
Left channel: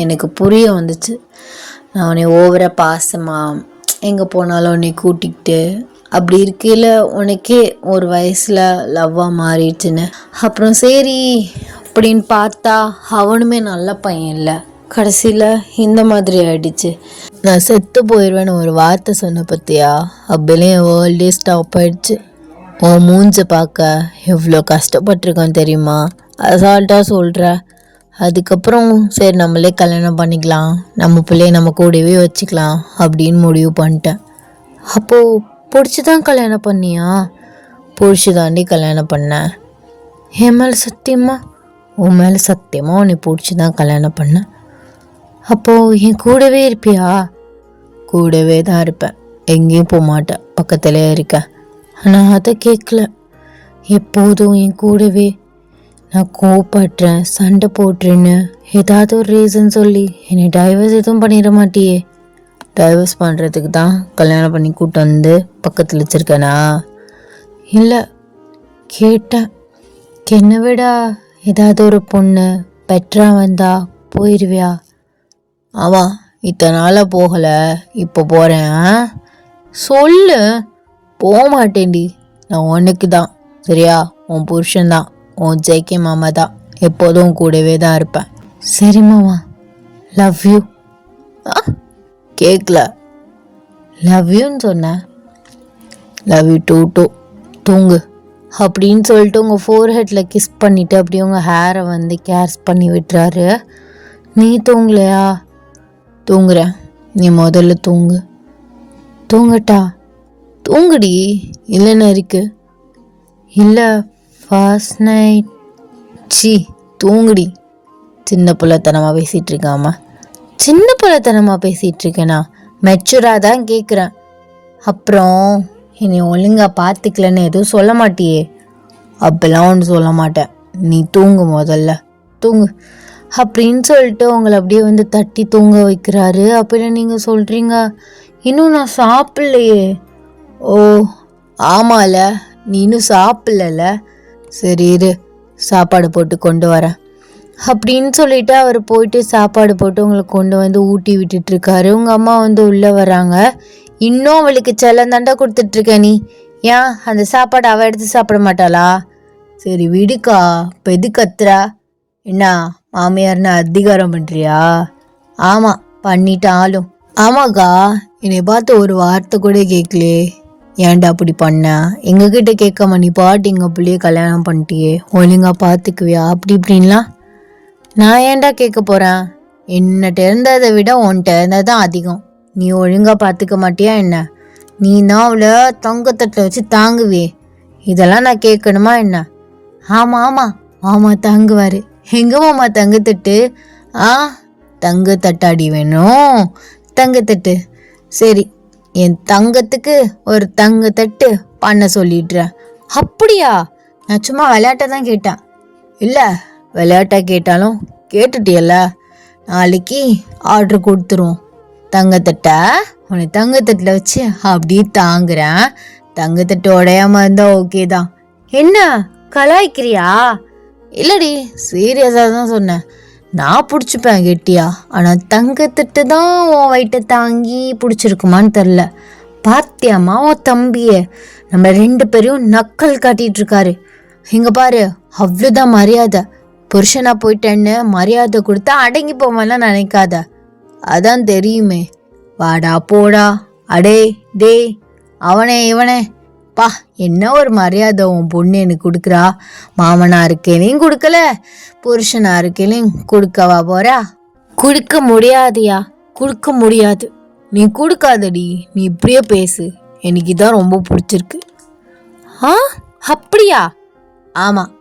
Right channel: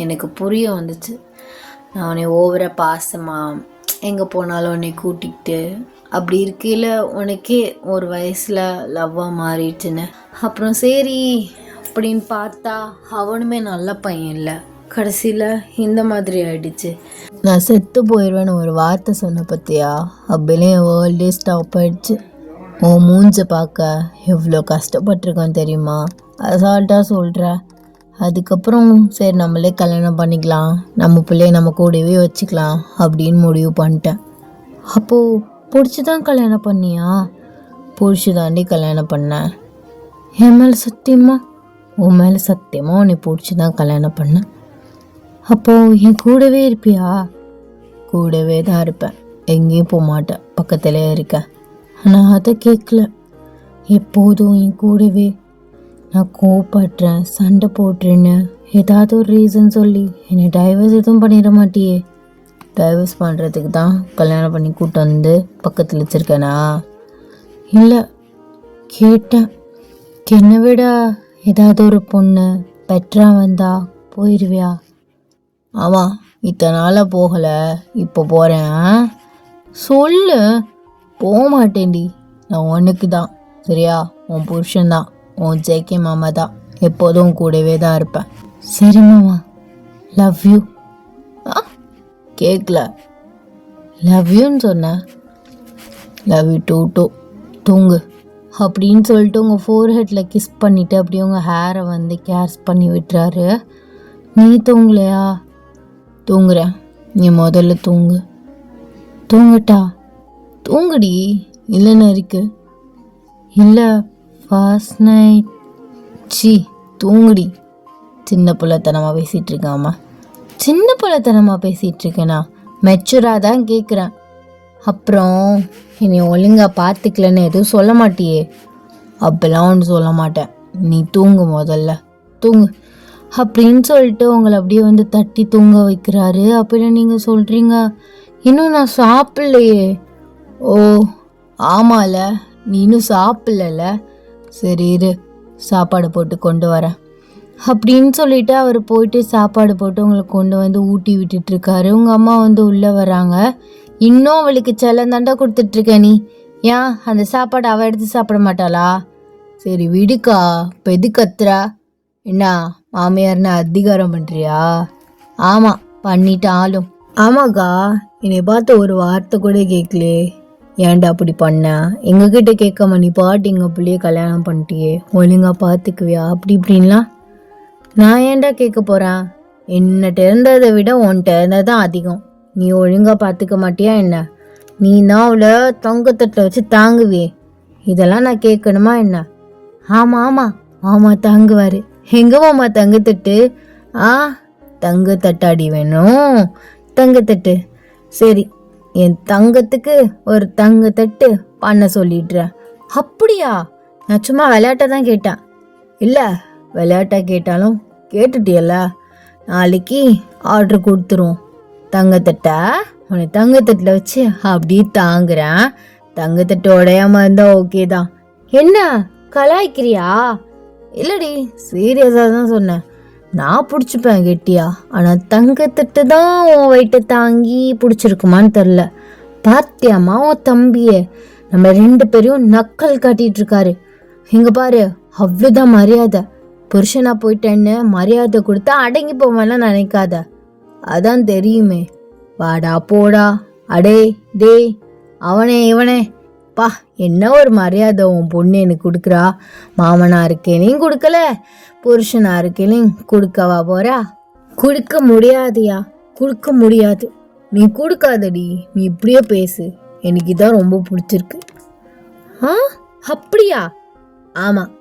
எனக்கு புரிய வந்துச்சு, நான் உன்னை ஓவராக பாசமாக எங்கே போனாலும் உன்னை கூட்டிக்கிட்டு அப்படி இருக்கையில் உனக்கே ஒரு வயசில் லவ்வாக மாறிடுச்சுன்னு. அப்புறம் சரி அப்படின்னு பார்த்தா அவனுமே நல்ல பையன் இல்லை, கடைசியில் இந்த மாதிரி ஆயிடுச்சு. நான் செத்து போயிடுவேன்னு ஒரு வார்த்தை சொன்ன பற்றியா, அப்படிலே என் வேர்ல்டே ஸ்டாப் ஆயிடுச்சு. உன் மூஞ்ச பார்க்க எவ்வளோ கஷ்டப்பட்டிருக்கோம் தெரியுமா, அசால்ட்டாக சொல்கிற. அதுக்கப்புறம் சரி நம்மளே கல்யாணம் பண்ணிக்கலாம், நம்ம பிள்ளைய நம்ம கூடவே வச்சுக்கலாம் அப்படின்னு முடிவு பண்ணிட்டேன். அப்போது பிடிச்சி தான் கல்யாணம் பண்ணியா? பிடிச்சி தாண்டி கல்யாணம் பண்ணேன். என் மேலே சத்தியமா? உன் மேலே சத்தியமாக உன்னை பிடிச்சி தான் கல்யாணம் பண்ணேன். அப்போது என் கூடவே இருப்பியா? கூடவே தான் இருப்பேன், எங்கேயும் போக மாட்டேன், பக்கத்துலேயே இருக்கேன். ஆனால் அதை கேட்கல. எப்போதும் என் கூடவே நான் கோவப்படுறேன், சண்டை போட்டுறேன்னு ஏதாவது ஒரு ரீசன் சொல்லி என்னை டைவர்ஸ் எதுவும் பண்ணிட மாட்டியே? டைவர்ஸ் பண்ணுறதுக்கு தான் கல்யாணம் பண்ணி கூட்டு பக்கத்தில் வச்சுருக்கேனா? இல்லை, கேட்டேன். என்னை விட ஏதாவது ஒரு பொண்ணு பெட்டராக வந்தா போயிடுவியா? ஆமாம், இத்தனை நாளாக போகலை, இப்போ போகிறேன். சொல்லு. போக மாட்டேன்டி, நான் உனக்கு தான், சரியா? உன் புருஷன்தான், உன் ஜேகே மாமா தான், எப்போதும் கூடவே தான் இருப்பேன். சரி மாமா, லவ் யூ. கேட்கல. லவ் யூன்னு சொன்னேன். லவ் யூ டூ தூங்கு அப்படின்னு சொல்லிட்டு உங்கள் ஃபோர்ஹெட்டில் கிஸ் பண்ணிவிட்டு அப்படியே உங்கள் ஹேரை கேர்ஸ் பண்ணி விட்டுறாரு. நீ தூங்கலையா? தூங்குறேன், நீ முதல்ல தூங்கு. தூங்கட்டா? தூங்குடி, இல்லைன்னு இருக்கு. இல்லை ஃபர்ஸ்ட் நைட். தூங்குடி. சின்ன பிள்ளைத்தனமாக பேசிகிட்டு இருக்காமா? சின்ன பிள்ளைத்தனமாக பேசிகிட்டு இருக்கேனா? மெச்சூராக தான் கேட்குறேன். அப்புறம் என்னை ஒழுங்காக பார்த்துக்கலன்னு எதுவும் சொல்ல மாட்டியே? அப்பெல்லாம் ஒன்று சொல்ல மாட்டேன், நீ தூங்கு, முதல்ல தூங்கு அப்படின்னு சொல்லிட்டு உங்களை அப்படியே தட்டி தூங்க வைக்கிறாரு. அப்படின்னு நீங்கள் சொல்கிறீங்க, இன்னும் நான் சாப்பிட்லையே. ஓ ஆமால, நீ இன்னும் சாப்பிடல. சரி இரு, சாப்பாடு போட்டு கொண்டு வரேன் அப்படின்னு சொல்லிட்டு அவர் போயிட்டு சாப்பாடு போட்டு உங்களை கொண்டு ஊட்டி விட்டுட்ருக்காரு. உங்கள் அம்மா உள்ளே வராங்க. இன்னும் அவளுக்கு செல்லந்தாண்டா கொடுத்துட்ருக்க நீ. ஏன் அந்த சாப்பாடு அவள் எடுத்து சாப்பிட மாட்டாளா? சரி விடுக்கா, இப்போ எது கத்துறா? என்ன மாமியார்னு அதிகாரம் பண்ணுறியா? ஆமாம், பண்ணிட்டாலும். ஆமாக்கா, என்னை பார்த்து ஒரு வார்த்தை கூட கேட்கலையே. ஏன்டா அப்படி பண்ண? எங்ககிட்ட கேட்காம நீ பாட்டு எங்கள் பிள்ளைய கல்யாணம் பண்ணிட்டியே, ஒழுங்கா பார்த்துக்குவியா அப்படி இப்படின்லாம். நான் ஏன்டா கேட்க போகிறேன்? என்னட்ட இருந்ததை விட உன்கிட்ட இருந்தது தான் அதிகம். நீ ஒழுங்கா பார்த்துக்க மாட்டியா என்ன? நீ தான் அவளை தங்கத்தட்டில் வச்சு தாங்குவியே, இதெல்லாம் நான் கேட்கணுமா என்ன? ஆமாம் ஆமாம், மாமா தாங்குவார். எங்கே மாமா தங்கத்தட்டு? ஆ, தங்கத்தட்டாடி வேணும், தங்கத்தட்டு. சரி, என் தங்கத்துக்கு ஒரு தங்கத்தட்டு பண்ண சொல்லிடுறேன். அப்படியா? நான் சும்மா விளையாட்ட தான் கேட்டேன். இல்லை, விளையாட்டா கேட்டாலும் கேட்டுட்டியல்ல, நாளைக்கு ஆர்டர் கொடுத்துருவோம். தங்கத்தட்டை உன்னை தங்கத்தட்டில் வச்சு அப்படியே தாங்குறேன். தங்கத்தட்டு உடையாம இருந்தா ஓகே தான். என்ன கலாய்க்கிறியா? இல்லடி, சீரியஸாக தான் சொன்னேன். நான் பிடிச்சிப்பேன் கெட்டியா, ஆனால் தங்கத்தட்டு தான் உன் வயிற்றை தாங்கி பிடிச்சிருக்குமான்னு தெரில. பாத்தியாமா உன் தம்பியை நம்ம 2 பேரையும் நக்கல் காட்டிகிட்டு இருக்காரு. இங்கே பாரு, அவ்வளோதான் மரியாதை. புருஷனா போயிட்டேன்னு மரியாதை கொடுத்தா அடங்கி போவான்லாம் நினைக்காத, அதான் தெரியுமே. வாடா போடா, அடே டே, அவனே இவனே, பா என்ன ஒரு மரியாதை உன் பொண்ணு எனக்கு கொடுக்குறா. மாமனா இருக்கேனையும் கொடுக்கல, புருஷனா இருக்கேனையும் கொடுக்கவா போறா? கொடுக்க முடியாதியா, கொடுக்க முடியாது. நீ கொடுக்காதடி, நீ இப்படியே பேசு, எனக்கு இதான் ரொம்ப பிடிச்சிருக்கு. ஆ, அப்படியா? ஆமாம்,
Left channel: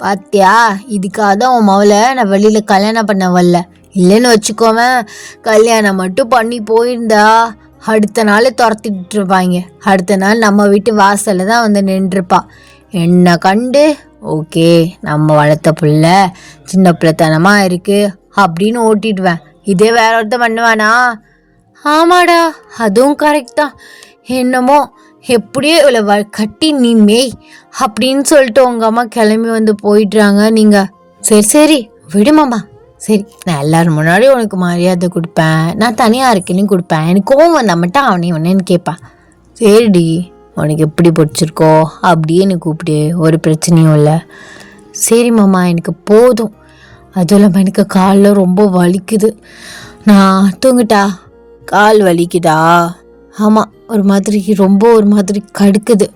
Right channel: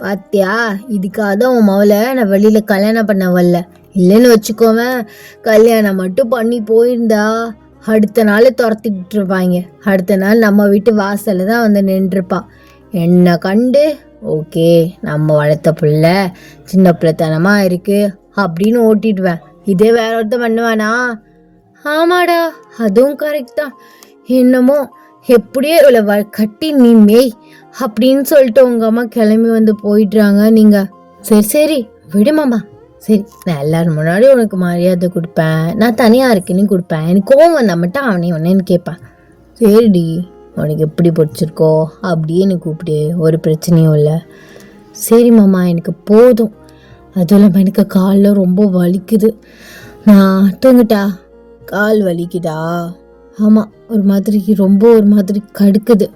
பாத்தியா, இதுக்காக தான் உன் மவளை நான் வெளியில் கல்யாணம் பண்ண வரல. இல்லைன்னு வச்சுக்கோவேன், கல்யாணம் மட்டும் பண்ணி போயிருந்தா அடுத்த நாள் துரத்திட்டு இருப்பாங்க. அடுத்த நாள் நம்ம வீட்டு வாசலில் தான் வந்து நின்றுருப்பா. என்னை கண்டு ஓகே நம்ம வளர்த்த பிள்ளை சின்ன பிள்ளைத்தனமாக இருக்குது அப்படின்னு ஓட்டிடுவேன். இதே வேற ஒருத்தர் பண்ணுவானா? ஆமாடா, அதுவும் கரெக்ட் தான். என்னமோ எப்படியோ இவ்வளோ கட்டி நீ மேய் அப்படின்னு சொல்லிட்டு உங்கள் அம்மா கிளம்பி வந்து போயிடுறாங்க. நீங்கள் சரி சரி விடுமாம்மா, சரி நான் எல்லாரும் முன்னாடி உனக்கு மரியாதை கொடுப்பேன், நான் தனியாக இருக்கேன்னு கொடுப்பேன். எனக்கு கோவம் வந்தா மட்டும் அவனே ஒன்னேன்னு கேட்பான். சரிடி, உனக்கு எப்படி பிடிச்சிருக்கோ அப்படியே எனக்கு கூப்பிடு, ஒரு பிரச்சனையும் இல்லை. சரி மாமா, எனக்கு போதும். அதுவும் இல்லாமல் எனக்கு காலில் ரொம்ப வலிக்குது, நான் தூங்கிட்டா. கால் வலிக்குதா? ஆமாம், ஒரு மாதிரி கடுக்குது,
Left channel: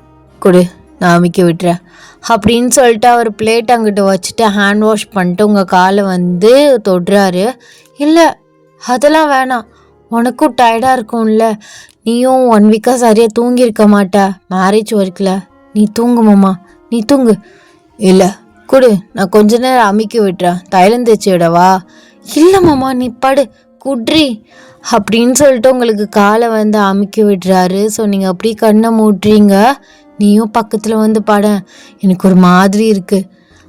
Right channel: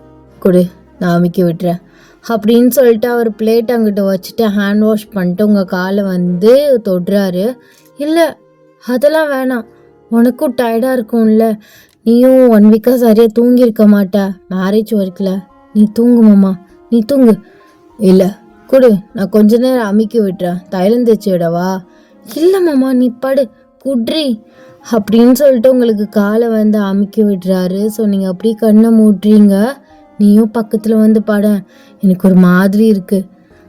கொடு நான் அமைக்க விட்டுறேன் அப்படின்னு சொல்லிட்டு அவர் பிளேட் அங்கிட்ட வச்சுட்டு ஹேண்ட் வாஷ் பண்ணிட்டு உங்கள் காலை வந்து தொடுறாரு. இல்லை அதெல்லாம் வேணாம், உனக்கும் டயர்டாக இருக்கும்ல, நீயும் 1 வீக்காக சரியாக தூங்கியிருக்க மாட்ட மேரேஜ் ஒர்க்கில். நீ தூங்குமாம்மா, நீ தூங்கு. இல்லை கொடு, நான் கொஞ்ச நேரம் அமைக்க விட்டுறேன், தைலம் தேய்ச்சி விடவா? இல்லை மாமா, நீ படு, குட்ரி அப்படின்னு சொல்லிட்டு உங்களுக்கு காலை வந்து அமுக்கி விடுறாரு. ஸோ நீங்கள் அப்படியே கண்ணை மூட்டுறீங்க. நீயும் பக்கத்தில் வந்து பட, எனக்கு ஒரு மாதிரி இருக்குது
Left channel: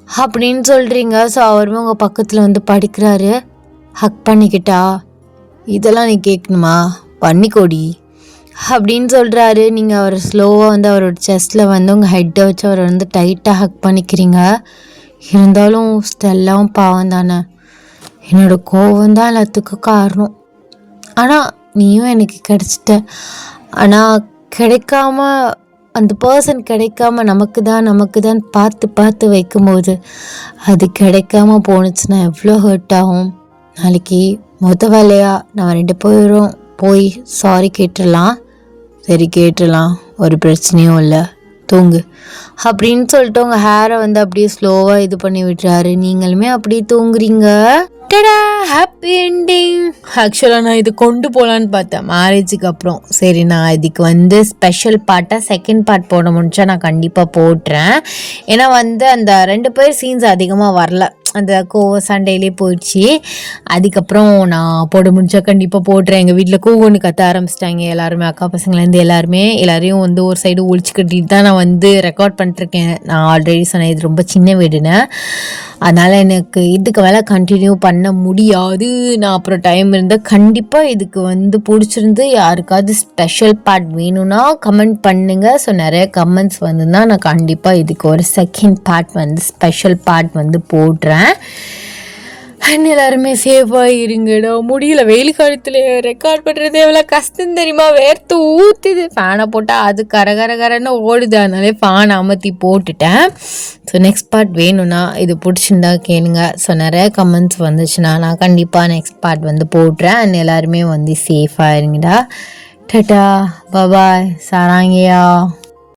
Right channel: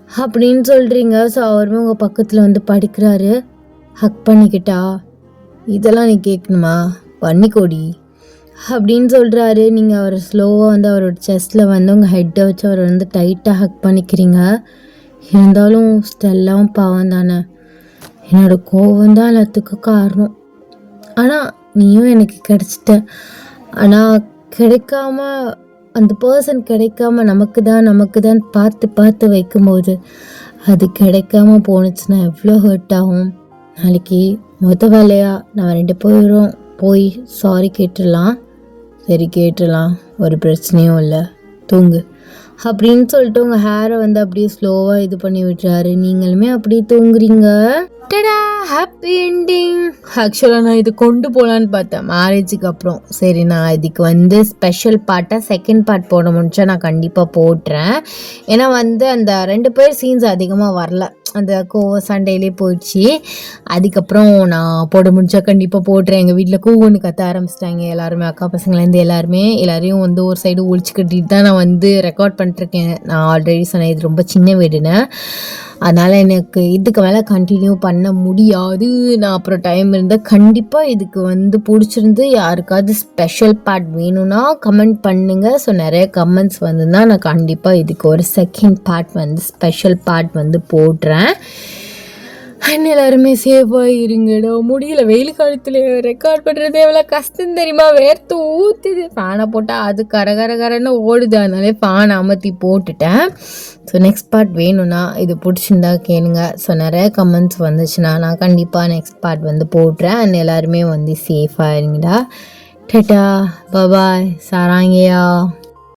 அப்படின்னு சொல்கிறீங்க. ஸோ அவருமே உங்கள் பக்கத்தில் வந்து படிக்கிறாரு. ஹக் பண்ணிக்கிட்டா, இதெல்லாம் நீ கேட்கணுமா, பண்ணிக்கோடி அப்படின்னு சொல்கிறாரு. நீங்கள் அவர் ஸ்லோவாக வந்து அவரோட செஸ்ட்டில் வந்து உங்கள் ஹெட்டை வச்சு அவரை வந்து டைட்டாக ஹக் பண்ணிக்கிறீங்க. இருந்தாலும் ஸ்டெல்லாம் பாவம் தானே, என்னோடய கோவம் தான் எல்லாத்துக்கும் காரணம். ஆனால் நீயும் எனக்கு கிடச்சிட்ட, ஆனால் கிடைக்காம அந்த பர்சன் கிடைக்காம நமக்கு தான் பார்த்து வைக்கும்போது அது கிடைக்காம போணுச்சுன்னா எவ்வளோ ஹர்ட் ஆகும். நாளைக்கு வேலையாக நம்ம 2 பேரும் போய் சாரி கேட்டுடலாம். சரி கேட்டுடலாம், ஒரு பிரச்சனையும் இல்லை, தூங்கு அப்படின்னு சொல்லிட்டு உங்கள் ஹேரை வந்து அப்படியே ஸ்லோவாக இது பண்ணி விட்டுறாரு. நீங்களுமே அப்படியே தூங்குறீங்க. டடா, ஹாப்பி என்டிங். ஆக்சுவலாக நான் இது கொண்டு போகலான்னு பார்த்தேன் மேரேஜுக்கு அப்புறம். சரி, நான் இதுக்கு வந்து ஸ்பெஷல் பார்ட்டாக செகண்ட் பார்ட் போட முடிஞ்சா நான் கண்டிப்பாக போட்டுறேன். ஏன்னா வந்து அந்த 2 பேர் சீன்ஸ் அதிகமாக வரல, அந்த சண்டையிலே போயிடுச்சு. அதுக்கப்புறம் நான் போட முடிஞ்சா கண்டிப்பாக போட்டுறேன். எங்கள் வீட்டில் கூகுன்னு கத்த ஆரம்பிச்சிட்டாங்க எல்லாருமே, அக்கா பசங்கள்லேருந்து எல்லாரையும் வந்து ஒரு சைடு ஒழிச்சு கட்டிட்டு தான் நான் வந்து ரெக்கார்ட் பண்ணிட்டுருக்கேன். நான் ஆல்ரெடி சொன்னேன் இது ரொம்ப சின்ன வீடுன்னு, அதனால் எனக்கு இதுக்கு மேலே கண்டினியூ பண்ண முடியாது. நான் அப்புறம் டைம் இருந்தால் கண்டிப்பாக இதுக்கு வந்து பிடிச்சிருந்து யாருக்காவது ஸ்பெஷல் பார்ட் வேணும்னா கமெண்ட் பண்ணுங்கள். ஸோ நிறைய கமெண்ட்ஸ் வந்துன்னா நான் கண்டிப்பாக இதுக்கு ஒரு செகண்ட் பார்ட் வந்து ஸ்பெஷல் பார்ட் வந்து போடுறேன். அண்ட் எல்லாருமே சேஃபாக இருங்கடா. முடியல, வெயில் காலத்தில் ரெக்கார்ட் பண்ணுறது எவ்வளோ கஷ்டம் தெரியுமா? வேர்த்து ஊற்றுது. ஃபேனை போட்டால் அது கரன்னு ஓடுது. அதனாலே ஃபேனை அமர்த்தி போட்டுட்டேன். ஸோ நெக்ஸ்ட் பார்ட் வேணும்னா இது பிடிச்சிருந்தா கேளுங்க. ஸோ நிறைய கமெண்ட்ஸ் வந்துச்சுன்னா நான் கண்டிப்பாக நெக்ஸ்ட் பார்ட் வந்து போடுறேன். அண்ட் எல்லாருமே வந்து சேஃபாக இருங்கடா. Tata, bye bye, சாராங்கயா.